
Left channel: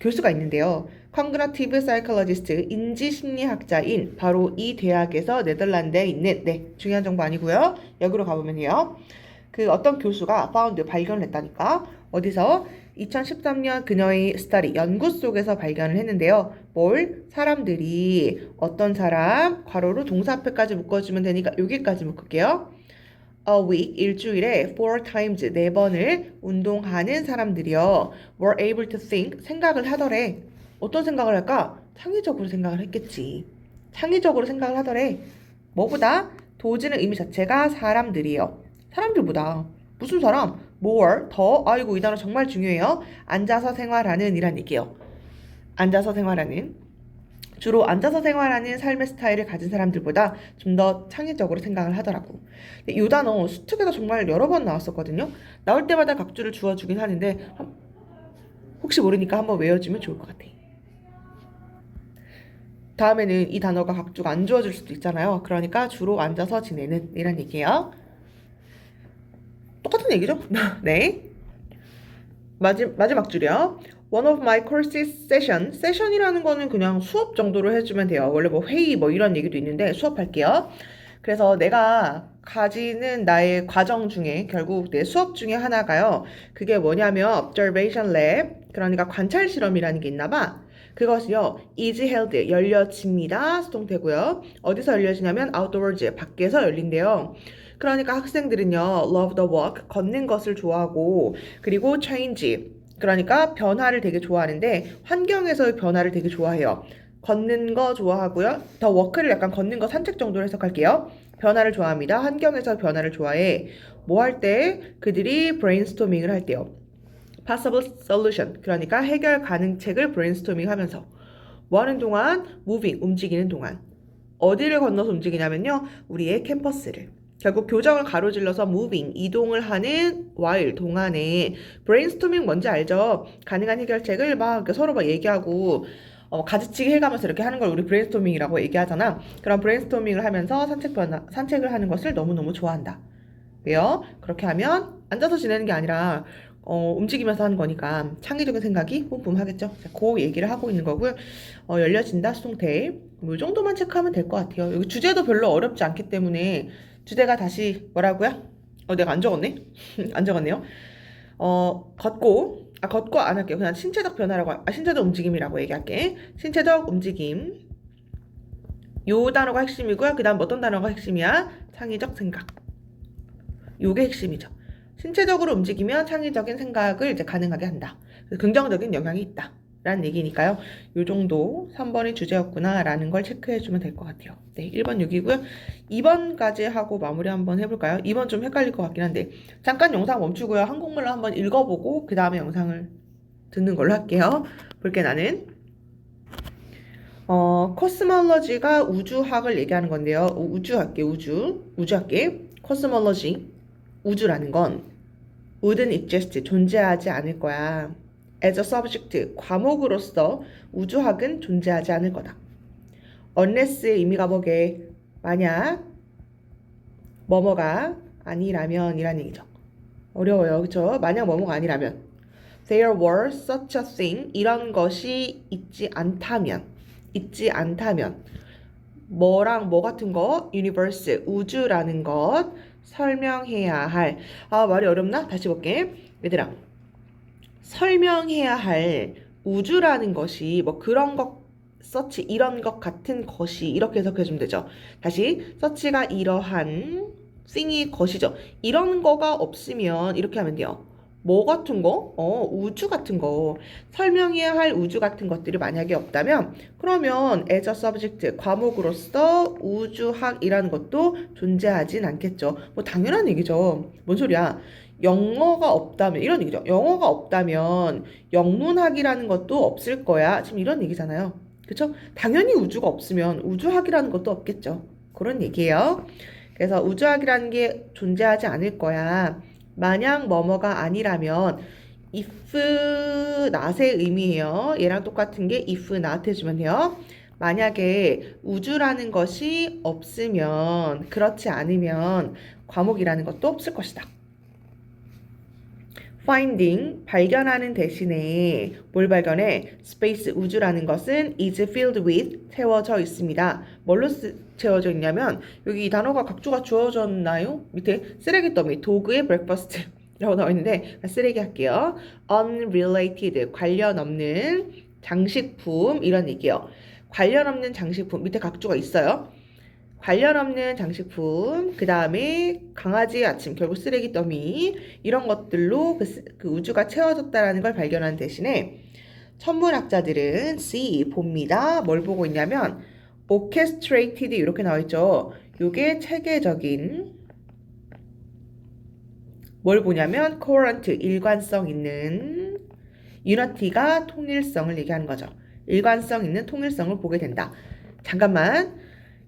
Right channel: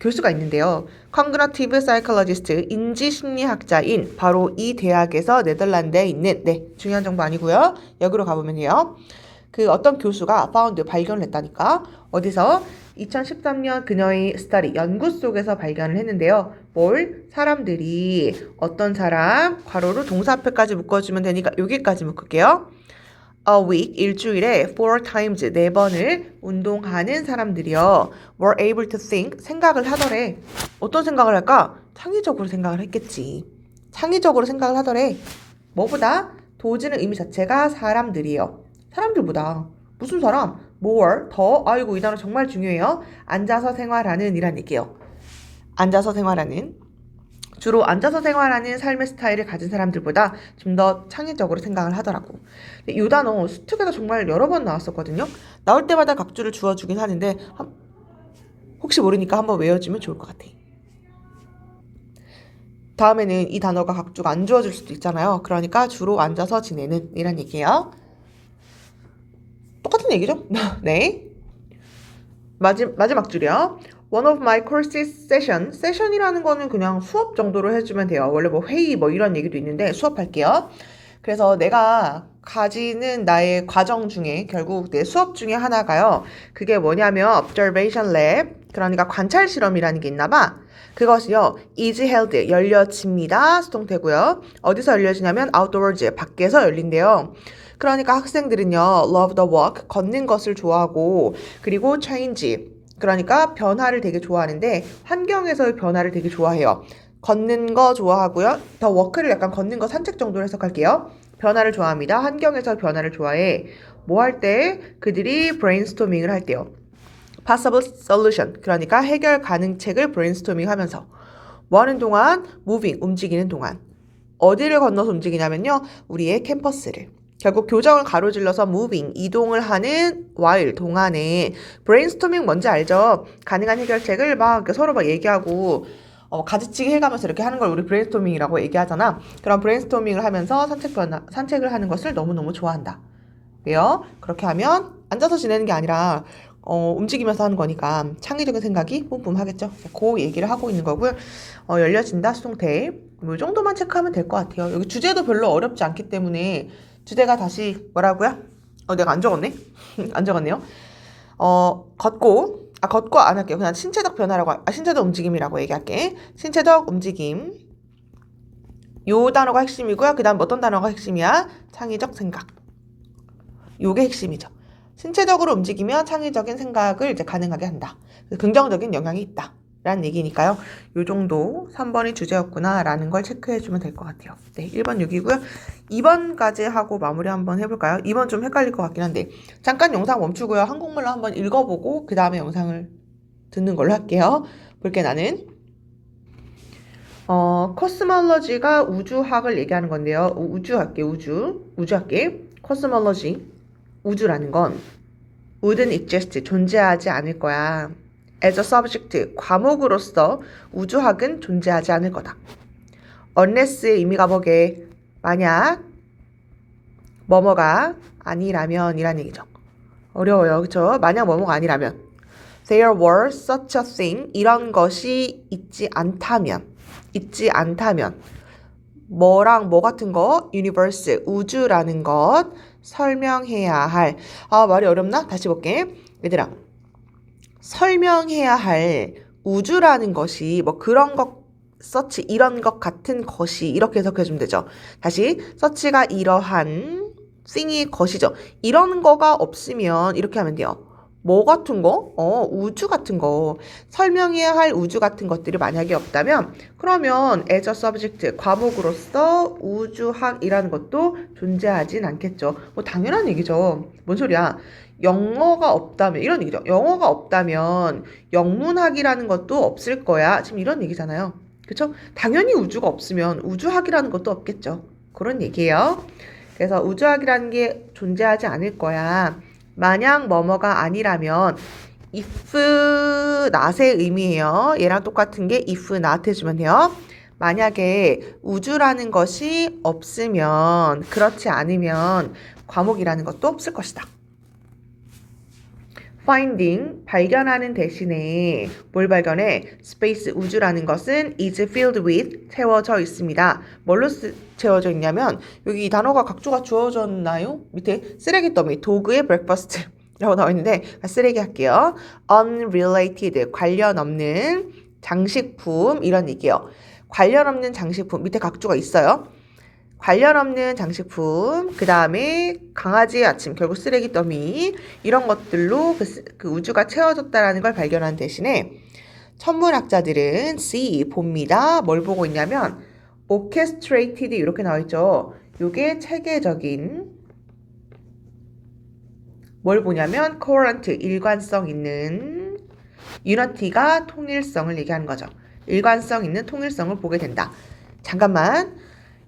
교수가 있는데요. Cognitive Psychologist, 인지심리학자인 바로 이 대학에서 네덜란드에 있는 네 중요한 정보 아니고요. 여기로 가보면 돼요. 그 어떤 교수가 found, 발견을 했다니까. 어디서? 2013년 그녀의 study, 연구 속에서 발견을 했는데요. 뭘? 사람들이 어떤 사람, 괄호로 동사 앞에까지 묶어주면 되니까 여기까지 묶을게요. A week, 일주일에 4 times, 4번을 운동하는 사람들이요. were able to think, 생각을 하더래. 어떤 생각을 할까? 창의적으로 생각을 했겠지. 창의적으로 생각을 하더래. 뭐보다? 도지는 의미 자체가 사람들이요. 사람들보다. 무슨 사람? more, 더. 아이고, 이 단어 정말 중요해요. 앉아서 생활하는 이란 얘기예요. 앉아서 생활하는. 주로 앉아서 생활하는 삶의 스타일을 가진 사람들보다 좀 더 창의적으로 생각을 하더라고. 이 단어 수특에서 정말 여러 번 나왔었거든요. 나올 때마다 각주를 주어주긴 하는데 혹시 모르니까 한번 외워주면 좋을 것 같아. 다음에는 이 단어가 각주가 안 주어질 수도 있잖아요. 그러니까 주로 앉아서 지내는 이런 얘기예요. 똑같은 얘기죠? 네. 마지막 줄이요. One of my courses session. 세션이라는 거는 그냥 수업 정도로 해주면 돼요. 원래 뭐 회의 뭐 이런 얘기도 있는데 수업할게요. 그래서 내가 가지는 나의 과정 중에 결국 내 수업 중에 하나가요. 그게 뭐냐면 observation lab. 그러니까 관찰 실험이라는 게 있나 봐. 그것이요. is held. 열려집니다. 수동태고요. 어디서 열려지냐면 outdoors. 밖에서 열린대요. 그러니까 학생들은요. love the walk. 걷는 것을 좋아하고 그리고 change. 그러니까 변화를 되게 좋아하는데 환경에서의 변화를 되게 좋아해요. 걷는 거 좋아하고요. 더 워크를 약간 걷는 거 산책 정도로 해석할게요. 변화를 좋아합니다. 환경에서 변화를 좋아해. 뭐 할 때? 그들이 브레인스토밍을 할 때요. possible solution. 그러니까 해결 가능책을 브레인스토밍 하면서. 뭐 하는 동안? moving. 움직이는 동안. 어디를 건너서 움직이냐면요. 우리의 캠퍼스를. 결국 교정을 가로질러서 moving, 이동을 하는 while, 동안에 brainstorming 뭔지 알죠? 가능한 해결책을 막 서로 막 얘기하고 가지치기 해가면서 이렇게 하는 걸 우리 brainstorming이라고 얘기하잖아. 그런 brainstorming을 하면서 산책을 하는 것을 너무너무 좋아한다. 왜요? 그렇게 하면 앉아서 지내는 게 아니라 움직이면서 하는 거니까 창의적인 생각이 뿜뿜하겠죠. 그 얘기를 하고 있는 거고요. 열려진다, 수동태. 뭐 이 정도만 체크하면 될 것 같아요. 여기 주제도 별로 어렵지 않기 때문에 주제가 다시 뭐라고요? 내가 안 적었네. 안 적었네요. 걷고 안 할게요. 그냥 신체적 변화라고, 신체적 움직임이라고 얘기할게. 신체적 움직임. 요 단어가 핵심이고요. 그 다음 어떤 단어가 핵심이야? 창의적 생각. 요게 핵심이죠. 신체적으로 움직이면 창의적인 생각을 이제 가능하게 한다. 긍정적인 영향이 있다. 라는 얘기니까요. 요 정도 3번이 주제였구나 라는 걸 체크해주면 될 것 같아요. 네, 1번 6이고요. 2번까지 하고 마무리 한번 해볼까요? 2번 좀 헷갈릴 것 같긴 한데 잠깐 영상 멈추고요. 한국말로 한번 읽어보고 그 다음에 영상을 듣는 걸로 할게요. 볼게 나는. 코스몰로지가 우주학을 얘기하는 건데요. 우주학계. 코스몰로지. 우주라는 건 wouldn't exist, 존재하지 않을 거야. as a subject, 과목으로서 우주학은 존재하지 않을 거다. unless의 의미가 뭐게? 만약 뭐뭐가 아니라면 이란 얘기죠. 어려워요. 그쵸? 만약 뭐뭐가 아니라면 there were such a thing, 이런 것이 있지 않다면 뭐랑 뭐 같은 거? universe, 우주라는 것 설명해야 할. 말이 어렵나? 다시 볼게. 얘들아, 설명해야 할 우주라는 것이 뭐 그런 것, 서치 이런 것 같은 것이, 이렇게 해석해주면 되죠. 다시, 서치가 이러한 thing이 것이죠. 이런 거가 없으면 이렇게 하면 돼요. 뭐 같은 거? 우주 같은 거. 설명해야 할 우주 같은 것들이 만약에 없다면 그러면 as a subject, 과목으로서 우주학이라는 것도 존재하진 않겠죠. 뭐 당연한 얘기죠. 뭔 소리야? 영어가 없다면 이런 얘기죠. 영어가 없다면 영문학이라는 것도 없을 거야. 지금 이런 얘기잖아요. 그쵸? 당연히 우주가 없으면 우주학이라는 것도 없겠죠. 그런 얘기예요. 그래서 우주학이라는 게 존재하지 않을 거야. 만약 뭐뭐가 아니라면 if not의 의미예요. 얘랑 똑같은 게 if not 해주면 돼요. 만약에 우주라는 것이 없으면, 그렇지 않으면 과목이라는 것도 없을 것이다. finding, 발견하는 대신에 뭘 발견해? space, 우주라는 것은 is filled with, 채워져 있습니다. 뭘로 채워져 있냐면 여기 이 단어가 각조가 주어졌나요? 밑에 쓰레기 더미, 도그의 breakfast 라고 나와 있는데 쓰레기 할게요. unrelated, 관련 없는 장식품, 이런 얘기예요. 관련 없는 장식품, 밑에 각조가 있어요. 관련 없는 장식품, 그 다음에 강아지의 아침, 결국 쓰레기 더미, 이런 것들로 그 우주가 채워졌다라는 걸 발견한 대신에 천문학자들은 봅니다. 뭘 보고 있냐면 orchestrated 이렇게 나와 있죠. 요게 체계적인, 뭘 보냐면 coherent, 일관성 있는, unity가 통일성을 얘기하는 거죠. 일관성 있는 통일성을 보게 된다. 잠깐만,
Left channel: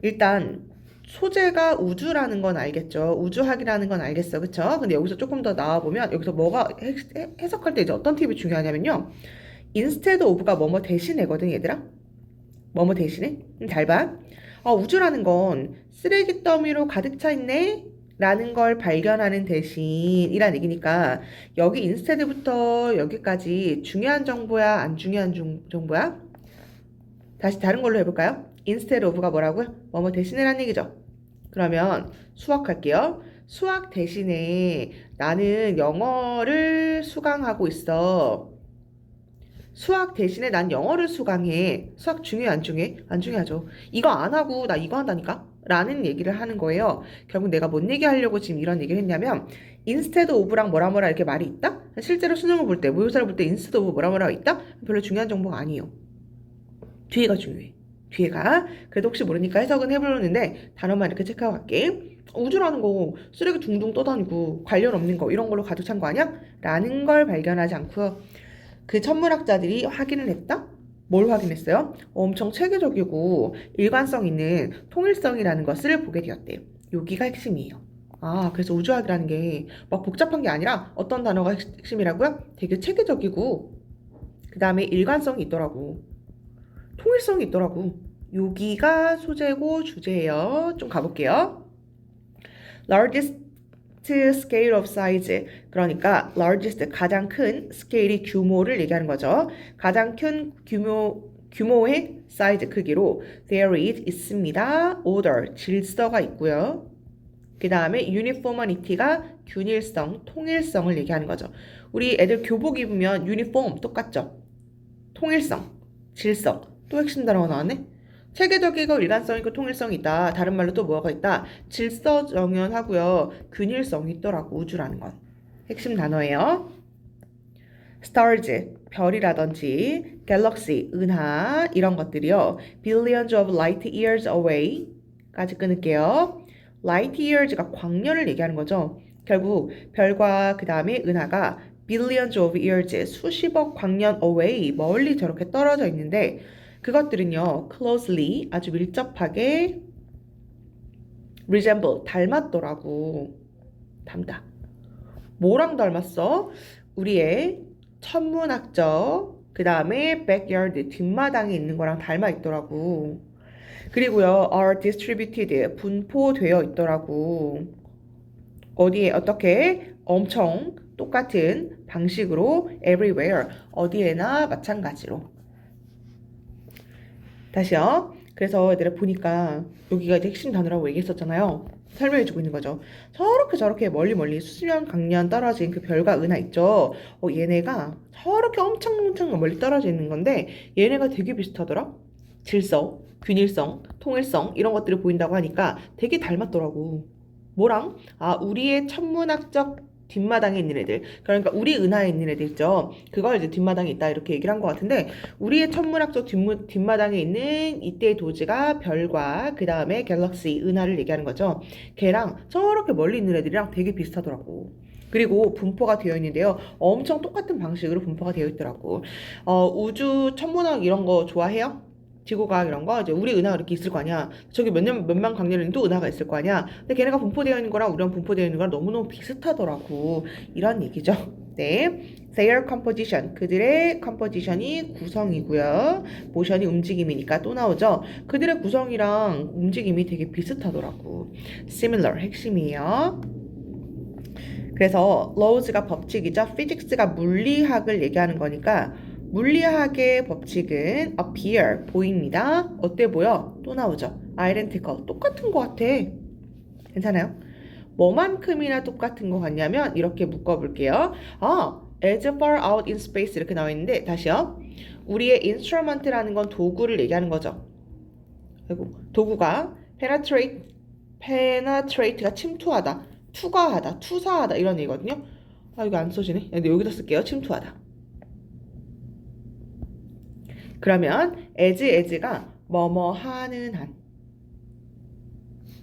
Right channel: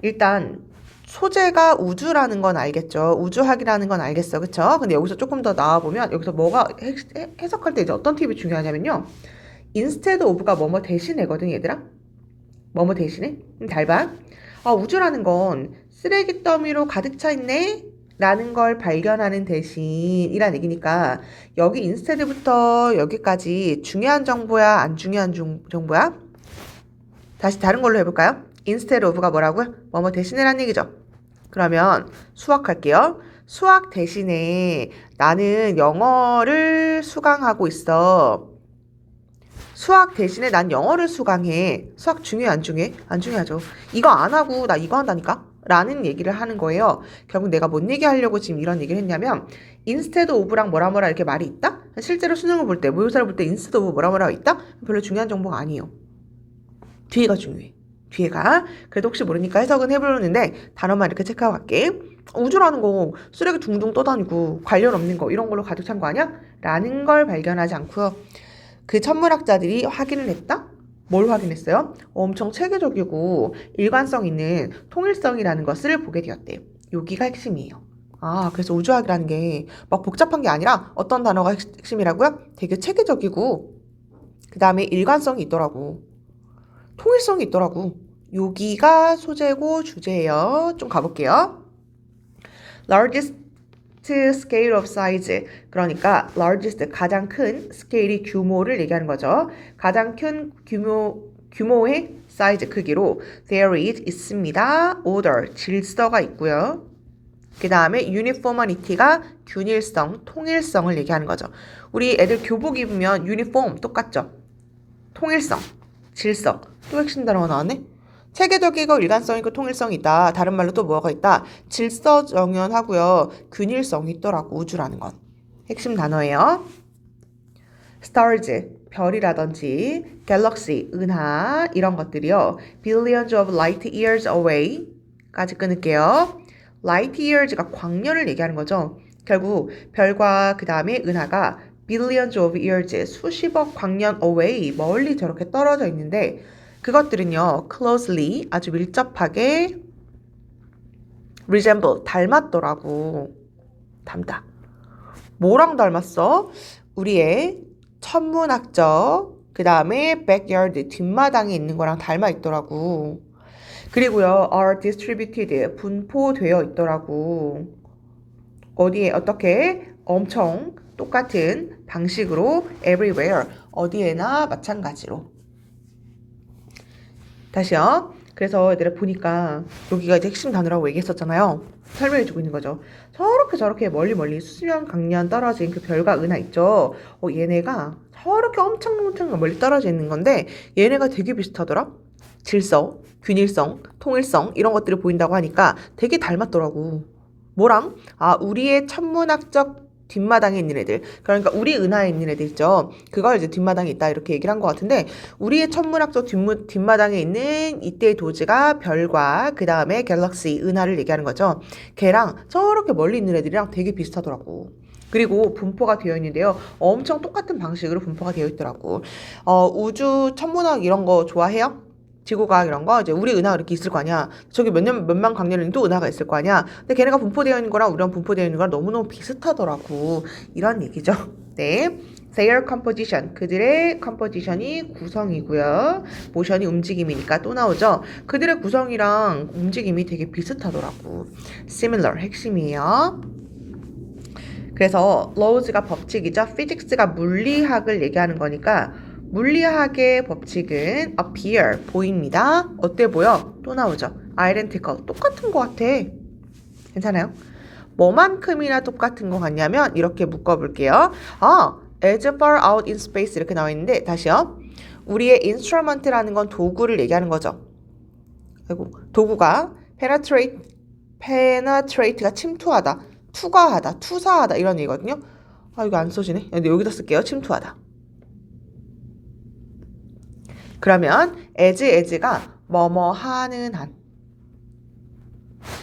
일단 소재가 우주라는 건 알겠죠. 우주학이라는 건 알겠어. 그쵸? 근데 여기서 조금 더 나와보면 여기서 뭐가 해석할 때 이제 어떤 팁이 중요하냐면요. instead of가 뭐뭐 대신에거든, 얘들아. 뭐뭐 대신에? 잘 봐. 우주라는 건 쓰레기 더미로 가득 차 있네? 라는 걸 발견하는 대신이란 얘기니까 여기 instead부터 여기까지 중요한 정보야? 안 중요한 정보야? 다시 다른 걸로 해볼까요? instead of가 뭐라고요? 뭐뭐 대신에란 얘기죠. 그러면 수학 할게요. 수학 대신에 나는 영어를 수강하고 있어. 수학 대신에 난 영어를 수강해. 수학 중요해, 안 중요해? 안 중요하죠. 이거 안 하고 나 이거 한다니까? 라는 얘기를 하는 거예요. 결국 내가 뭔 얘기하려고 지금 이런 얘기를 했냐면 instead of랑 뭐라 이렇게 말이 있다? 실제로 수능을 볼 때, 모의고사를 볼 때 instead of 뭐라 있다? 별로 중요한 정보가 아니에요. 뒤에가 중요해. 뒤에가. 그래도 혹시 모르니까 해석은 해보는데 단어만 이렇게 체크하고 갈게. 우주라는 거 쓰레기 둥둥 떠다니고 관련 없는 거 이런 걸로 가득 찬 거 아니야? 라는 걸 발견하지 않고요. 그 천문학자들이 확인을 했다? 뭘 확인했어요? 엄청 체계적이고 일관성 있는 통일성이라는 것을 보게 되었대. 여기가 핵심이에요. 그래서 우주학이라는 게 막 복잡한 게 아니라 어떤 단어가 핵심이라고요? 되게 체계적이고 그 다음에 일관성이 있더라고. 통일성이 있더라고. 여기가 소재고 주제예요. 좀 가볼게요. largest scale of size. 그러니까 largest, 가장 큰 스케일이 규모를 얘기하는 거죠. 가장 큰 규모의 size, 크기로 there is, 있습니다. order, 질서가 있고요. 그 다음에 uniformity가 균일성, 통일성을 얘기하는 거죠. 우리 애들 교복 입으면 유니폼 똑같죠? 통일성, 질서. 또 핵심 단어가 나왔네? 체계적이고 일관성이고 통일성이 있다. 다른 말로 또 뭐가 있다? 질서정연하고요. 균일성이 있더라고. 우주라는 건. 핵심 단어예요. stars, 별이라든지 galaxy, 은하 이런 것들이요. billions of light years away 까지 끊을게요. light years가 광년을 얘기하는 거죠. 결국 별과 그 다음에 은하가 billions of years, 수십억 광년 away, 멀리 저렇게 떨어져 있는데 그것들은요, closely, 아주 밀접하게 resemble, 닮았더라고. 닮다. 뭐랑 닮았어? 우리의 천문학적, 그 다음에 backyard, 뒷마당에 있는 거랑 닮아 있더라고. 그리고요, are distributed, 분포되어 있더라고. 어디에, 어떻게? 엄청 똑같은 방식으로 everywhere, 어디에나 마찬가지로. 다시요. 그래서 얘들아 보니까 여기가 이제 핵심 단어라고 얘기했었잖아요. 설명해주고 있는 거죠. 저렇게 멀리 수십년 강년 떨어진 그 별과 은하 있죠. 얘네가 저렇게 엄청 멀리 떨어져 있는 건데 얘네가 되게 비슷하더라. 질서, 균일성, 통일성 이런 것들이 보인다고 하니까 되게 닮았더라고. 뭐랑? 우리의 천문학적 뒷마당에 있는 애들, 그러니까 우리 은하에 있는 애들 있죠. 그걸 이제 뒷마당에 있다 이렇게 얘기를 한 것 같은데 우리의 천문학적 뒷마당에 있는 이때의 도지가 별과 그 다음에 갤럭시, 은하를 얘기하는 거죠. 걔랑 저렇게 멀리 있는 애들이랑 되게 비슷하더라고. 그리고 분포가 되어 있는데요. 엄청 똑같은 방식으로 분포가 되어 있더라고. 우주 천문학 이런 거 좋아해요? 지구과학 이런 거 이제 우리 은하가 이렇게 있을 거 아니야. 저기 몇만 광년에는 또 은하가 있을 거 아니야. 근데 걔네가 분포되어 있는 거랑 우리랑 분포되어 있는 거랑 너무너무 비슷하더라고. 이런 얘기죠. 네. Their composition. 그들의 composition이 구성이고요. 모션이 움직임이니까 또 나오죠. 그들의 구성이랑 움직임이 되게 비슷하더라고. Similar. 핵심이에요. 그래서 laws가 법칙이죠. physics가 물리학을 얘기하는 거니까 물리학의 법칙은 appear, 보입니다. 어때 보여? 또 나오죠. identical, 똑같은 것 같아. 괜찮아요? 뭐만큼이나 똑같은 것 같냐면 이렇게 묶어볼게요. as far out in space 이렇게 나와 있는데 다시요. 우리의 instrument라는 건 도구를 얘기하는 거죠. 아이고, 도구가 penetrate가 침투하다, 투과하다, 투사하다 이런 얘기거든요. 이거 안 써지네. 근데 여기다 쓸게요. 침투하다. 그러면 as가 뭐뭐 하는 한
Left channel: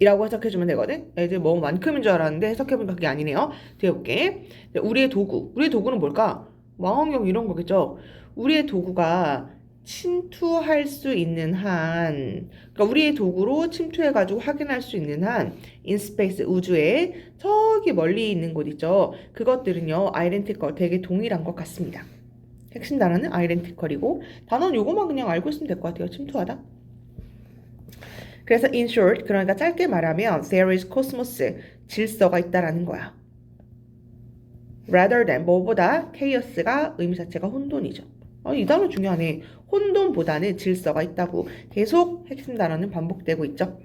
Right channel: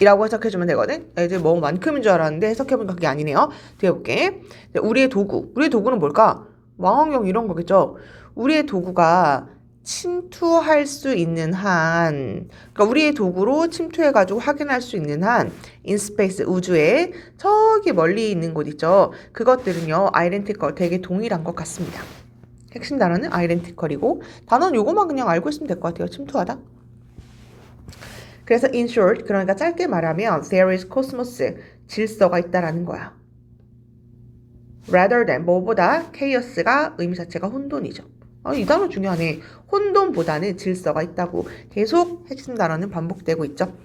이라고 해석해주면 되거든. as 뭐만큼인 줄 알았는데 해석해보니까 그게 아니네요. 뒤에 볼게. 우리의 도구는 뭘까? 망원경 이런 거겠죠. 우리의 도구가 침투할 수 있는 한, 그러니까 우리의 도구로 침투해가지고 확인할 수 있는 한 in space, 우주에 저기 멀리 있는 곳 있죠. 그것들은요 identical, 되게 동일한 것 같습니다. 핵심 단어는 identical이고 단어는 요거만 그냥 알고 있으면 될 것 같아요. 침투하다. 그래서 in short, 그러니까 짧게 말하면 there is cosmos, 질서가 있다라는 거야. rather than, 뭐보다 chaos가 의미 자체가 혼돈이죠. 이 단어 중요하네. 혼돈보다는 질서가 있다고 계속 핵심 단어는 반복되고 있죠.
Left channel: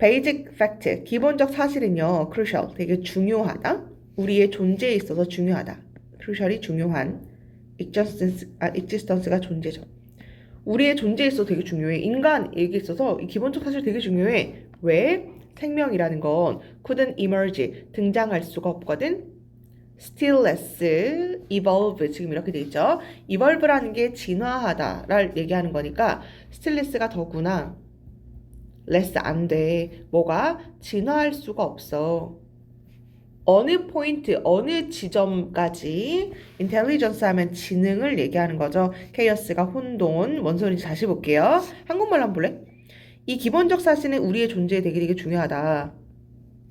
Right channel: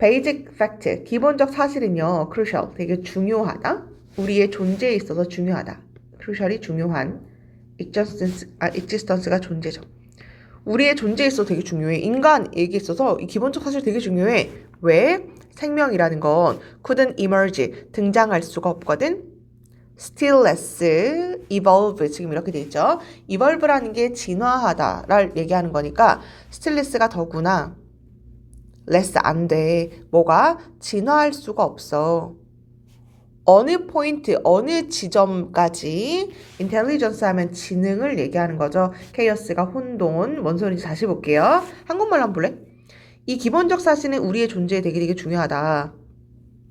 basic fact, 기본적 사실은요 crucial, 되게 중요하다. 우리의 존재에 있어서 중요하다. crucial이 중요한, existence가 존재죠. 우리의 존재에 있어서 되게 중요해. 인간에게 있어서 이 기본적 사실 되게 중요해. 왜? 생명이라는 건 couldn't emerge, 등장할 수가 없거든. stillless, evolve, 지금 이렇게 돼 있죠. evolve라는 게 진화하다를 얘기하는 거니까 stillless가 더구나 less 안 돼. 뭐가? 진화할 수가 없어. 어느 포인트, 어느 지점까지 intelligence 하면 지능을 얘기하는 거죠. chaos가 혼돈, 뭔 소리인지 다시 볼게요. 한국말로 한번 볼래? 이 기본적 사실은 우리의 존재에 되게 중요하다.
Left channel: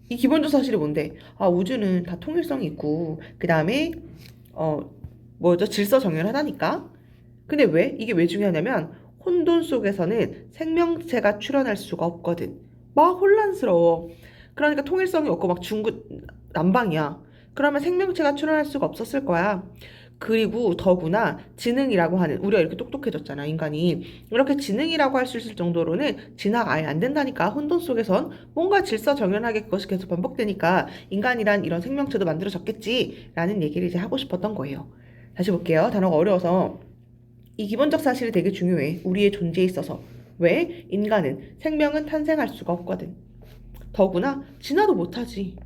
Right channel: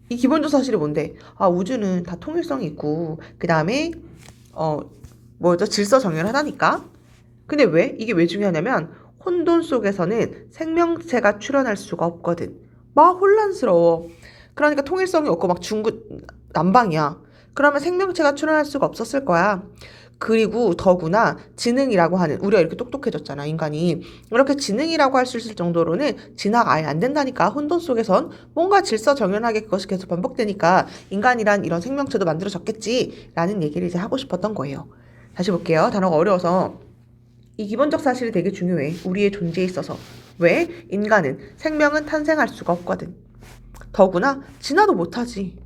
이 기본적 사실이 뭔데? 우주는 다 통일성이 있고 그 다음에 질서정연하다니까. 근데 왜? 이게 왜 중요하냐면 혼돈 속에서는 생명체가 출현할 수가 없거든. 막 혼란스러워. 그러니까 통일성이 없고 막 남방이야. 그러면 생명체가 출현할 수가 없었을 거야. 그리고 더구나 지능이라고 하는, 우리가 이렇게 똑똑해졌잖아, 인간이. 이렇게 지능이라고 할 수 있을 정도로는 진화가 아예 안 된다니까. 혼돈 속에선 뭔가 질서정연하게 그것이 계속 반복되니까 인간이란 이런 생명체도 만들어졌겠지 라는 얘기를 이제 하고 싶었던 거예요. 다시 볼게요. 단어가 어려워서. 이 기본적 사실이 되게 중요해. 우리의 존재에 있어서. 왜? 인간은, 생명은 탄생할 수가 없거든. 더구나 진화도 못하지.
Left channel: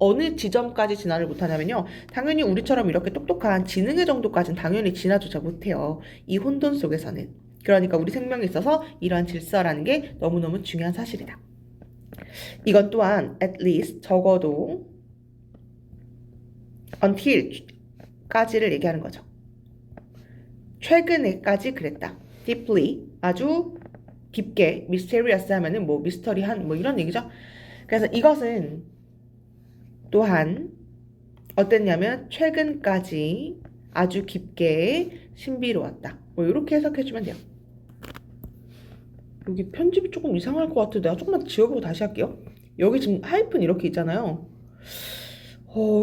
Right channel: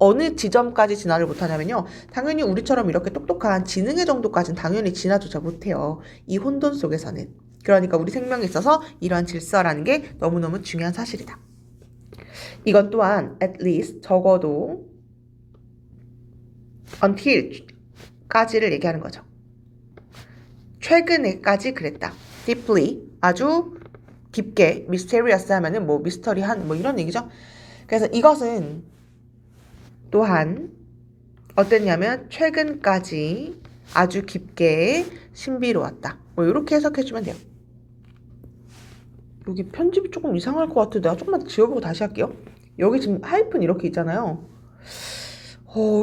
어느 지점까지 진화를 못하냐면요. 당연히 우리처럼 이렇게 똑똑한 지능의 정도까지는 당연히 진화조차 못해요. 이 혼돈 속에서는. 그러니까 우리 생명에 있어서 이러한 질서라는 게 너무너무 중요한 사실이다. 이건 또한 at least, 적어도 until까지를 얘기하는 거죠. 최근에까지 그랬다. deeply, 아주 깊게, mysterious 하면은 뭐 미스터리한 뭐 이런 얘기죠. 그래서 이것은 또한 어땠냐면 최근까지 아주 깊게 신비로웠다. 뭐 이렇게 해석해주면 돼요. 여기 편집이 조금 이상할 것 같아요. 내가 조금만 지워보고 다시 할게요. 여기 지금 하이픈 이렇게 있잖아요.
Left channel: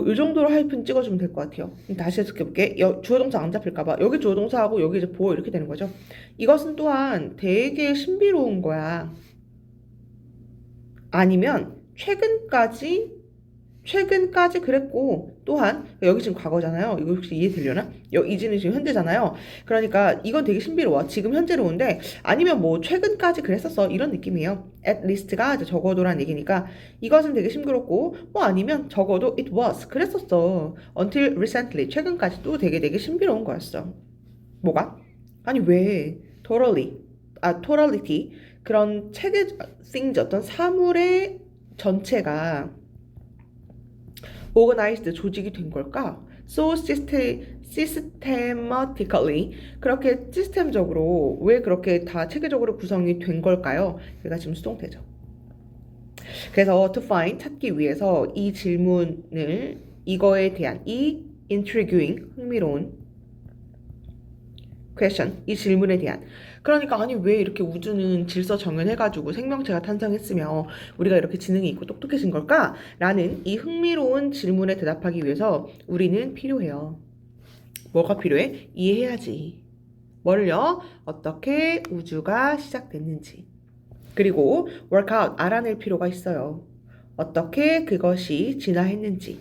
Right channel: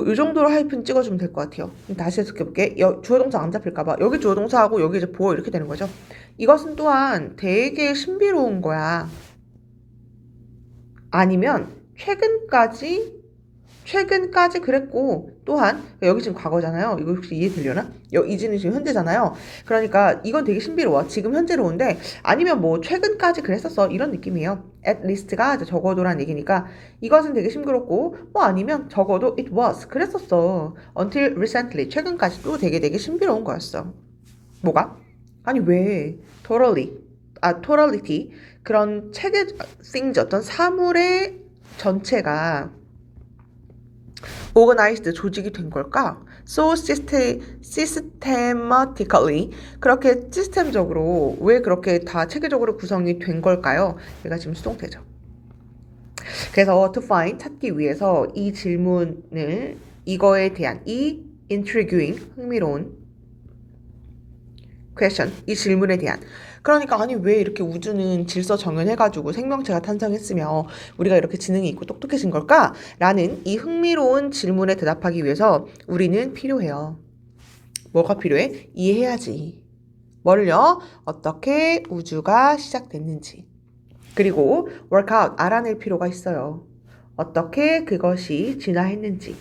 이 정도로 하이픈 찍어주면 될 것 같아요. 다시 해석해볼게. 주어동사 안 잡힐까봐. 여기 주어동사하고 여기 이제 보어 이렇게 되는 거죠. 이것은 또한 되게 신비로운 거야. 아니면 최근까지 그랬고, 또한 여기 지금 과거잖아요. 이거 혹시 이해되려나? 이지는 지금 현재잖아요. 그러니까 이건 되게 신비로워. 지금 현재로운데 아니면 뭐 최근까지 그랬었어 이런 느낌이에요. at least가 적어도란 얘기니까 이것은 되게 신비롭고, 뭐 아니면 적어도 it was 그랬었어. until recently 최근까지도 되게 신비로운 거였어. 뭐가? 아니 왜 totality 그런 체계 things 어떤 사물의 전체가 organized 조직이 된 걸까? So systematically 그렇게 시스템적으로 왜 그렇게 다 체계적으로 구성이 된 걸까요? 얘가 지금 수동태죠. 그래서 to find 찾기 위해서 이 질문을 이거에 대한 이 intriguing 흥미로운 question 이 질문에 대한 그러니까 아니 왜 이렇게 우주는 질서 정연해가지고 생명체가 탄생했으며 우리가 이렇게 지능이 있고 똑똑해진 걸까? 라는 이 흥미로운 질문에 대답하기 위해서 우리는 필요해요. 뭐가 필요해? 이해해야지. 뭐를요? 어떻게 우주가 시작됐는지. 그리고 workout, 알아낼 필요가 있어요. 어떻게 그것이 진화했는지.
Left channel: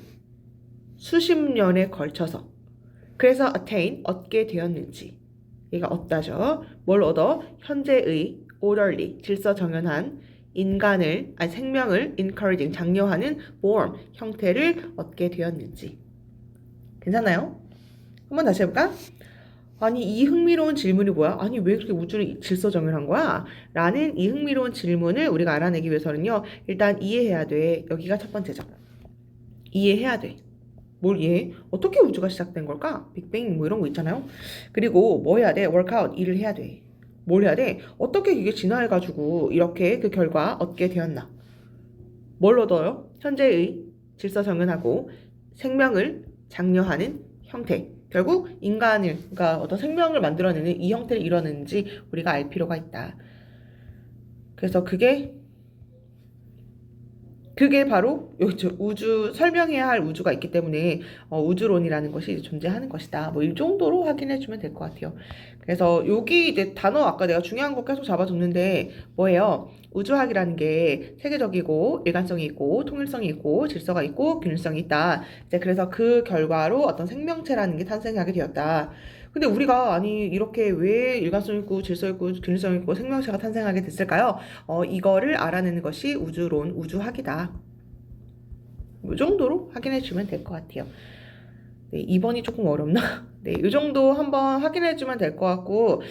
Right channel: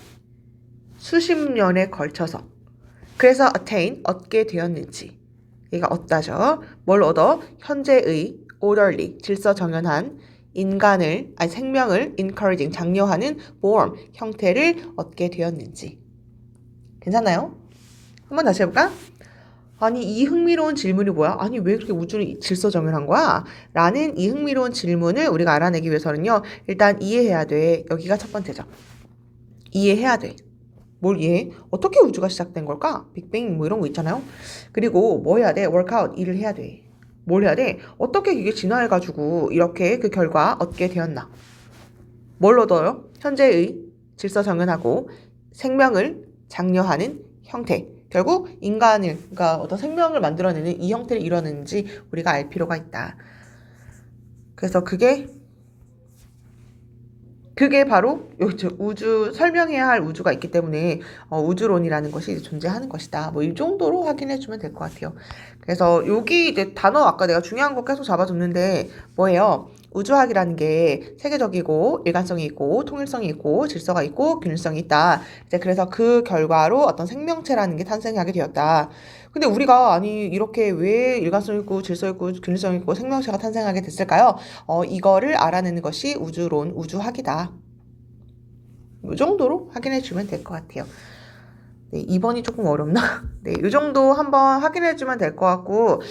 수십 년에 걸쳐서. 그래서 attain, 얻게 되었는지. 얘가 얻다죠. 뭘 얻어? 현재의 orderly, 질서 정연한 생명을 encouraging, 장려하는 form, 형태를 얻게 되었는지. 괜찮나요? 한번 다시 해볼까? 아니 이 흥미로운 질문이 뭐야? 아니 왜 그렇게 우주는 질서 정연한 거야? 라는 이 흥미로운 질문을 우리가 알아내기 위해서는요. 일단 이해해야 돼. 여기가 첫 번째죠. 이해해야 돼. 뭘 이해해? 어떻게 우주가 시작된 걸까? 빅뱅 뭐 이런 거 있잖아요. 그리고 뭐 해야 돼? 워크아웃, 일을 해야 돼. 뭘 해야 돼? 어떻게 이게 진화해가지고 이렇게 그 결과 얻게 되었나? 뭘 얻어요? 현재의 질서 정연하고 생명을 장려하는 형태. 결국 인간을, 그러니까 어떤 생명을 만들어내는 이 형태를 이뤄내는지 우리가 알 필요가 있다. 그래서 그게 바로 우주 설명해야 할 우주가 있기 때문에 우주론이라는 것이 존재하는 것이다. 뭐 이 정도로 확인해주면 될 것 같아요. 그래서 여기 이제 단어 아까 내가 중요한 거 계속 잡아줬는데 뭐예요? 우주학이라는 게 세계적이고 일관성이 있고 통일성이 있고 질서가 있고 균일성이 있다. 이제 그래서 그 결과로 어떤 생명체라는 게 탄생하게 되었다. 근데 우리가 아니 이렇게 왜 일관성 있고 질서 있고 균일성 있고 생명체가 탄생하게 됐을까요? 이거를 알아내는 것이 우주론, 우주학이다. 이 정도로 확인해 주면 될 것 같아요. 네, 2번이 조금 어렵나? 네, 이 정도 한번 확인해 주면 될 것 같고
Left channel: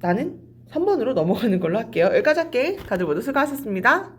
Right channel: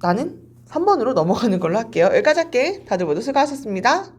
나는 3번으로 넘어가는 걸로 할게요. 여기까지 할게. 다들 모두 수고하셨습니다.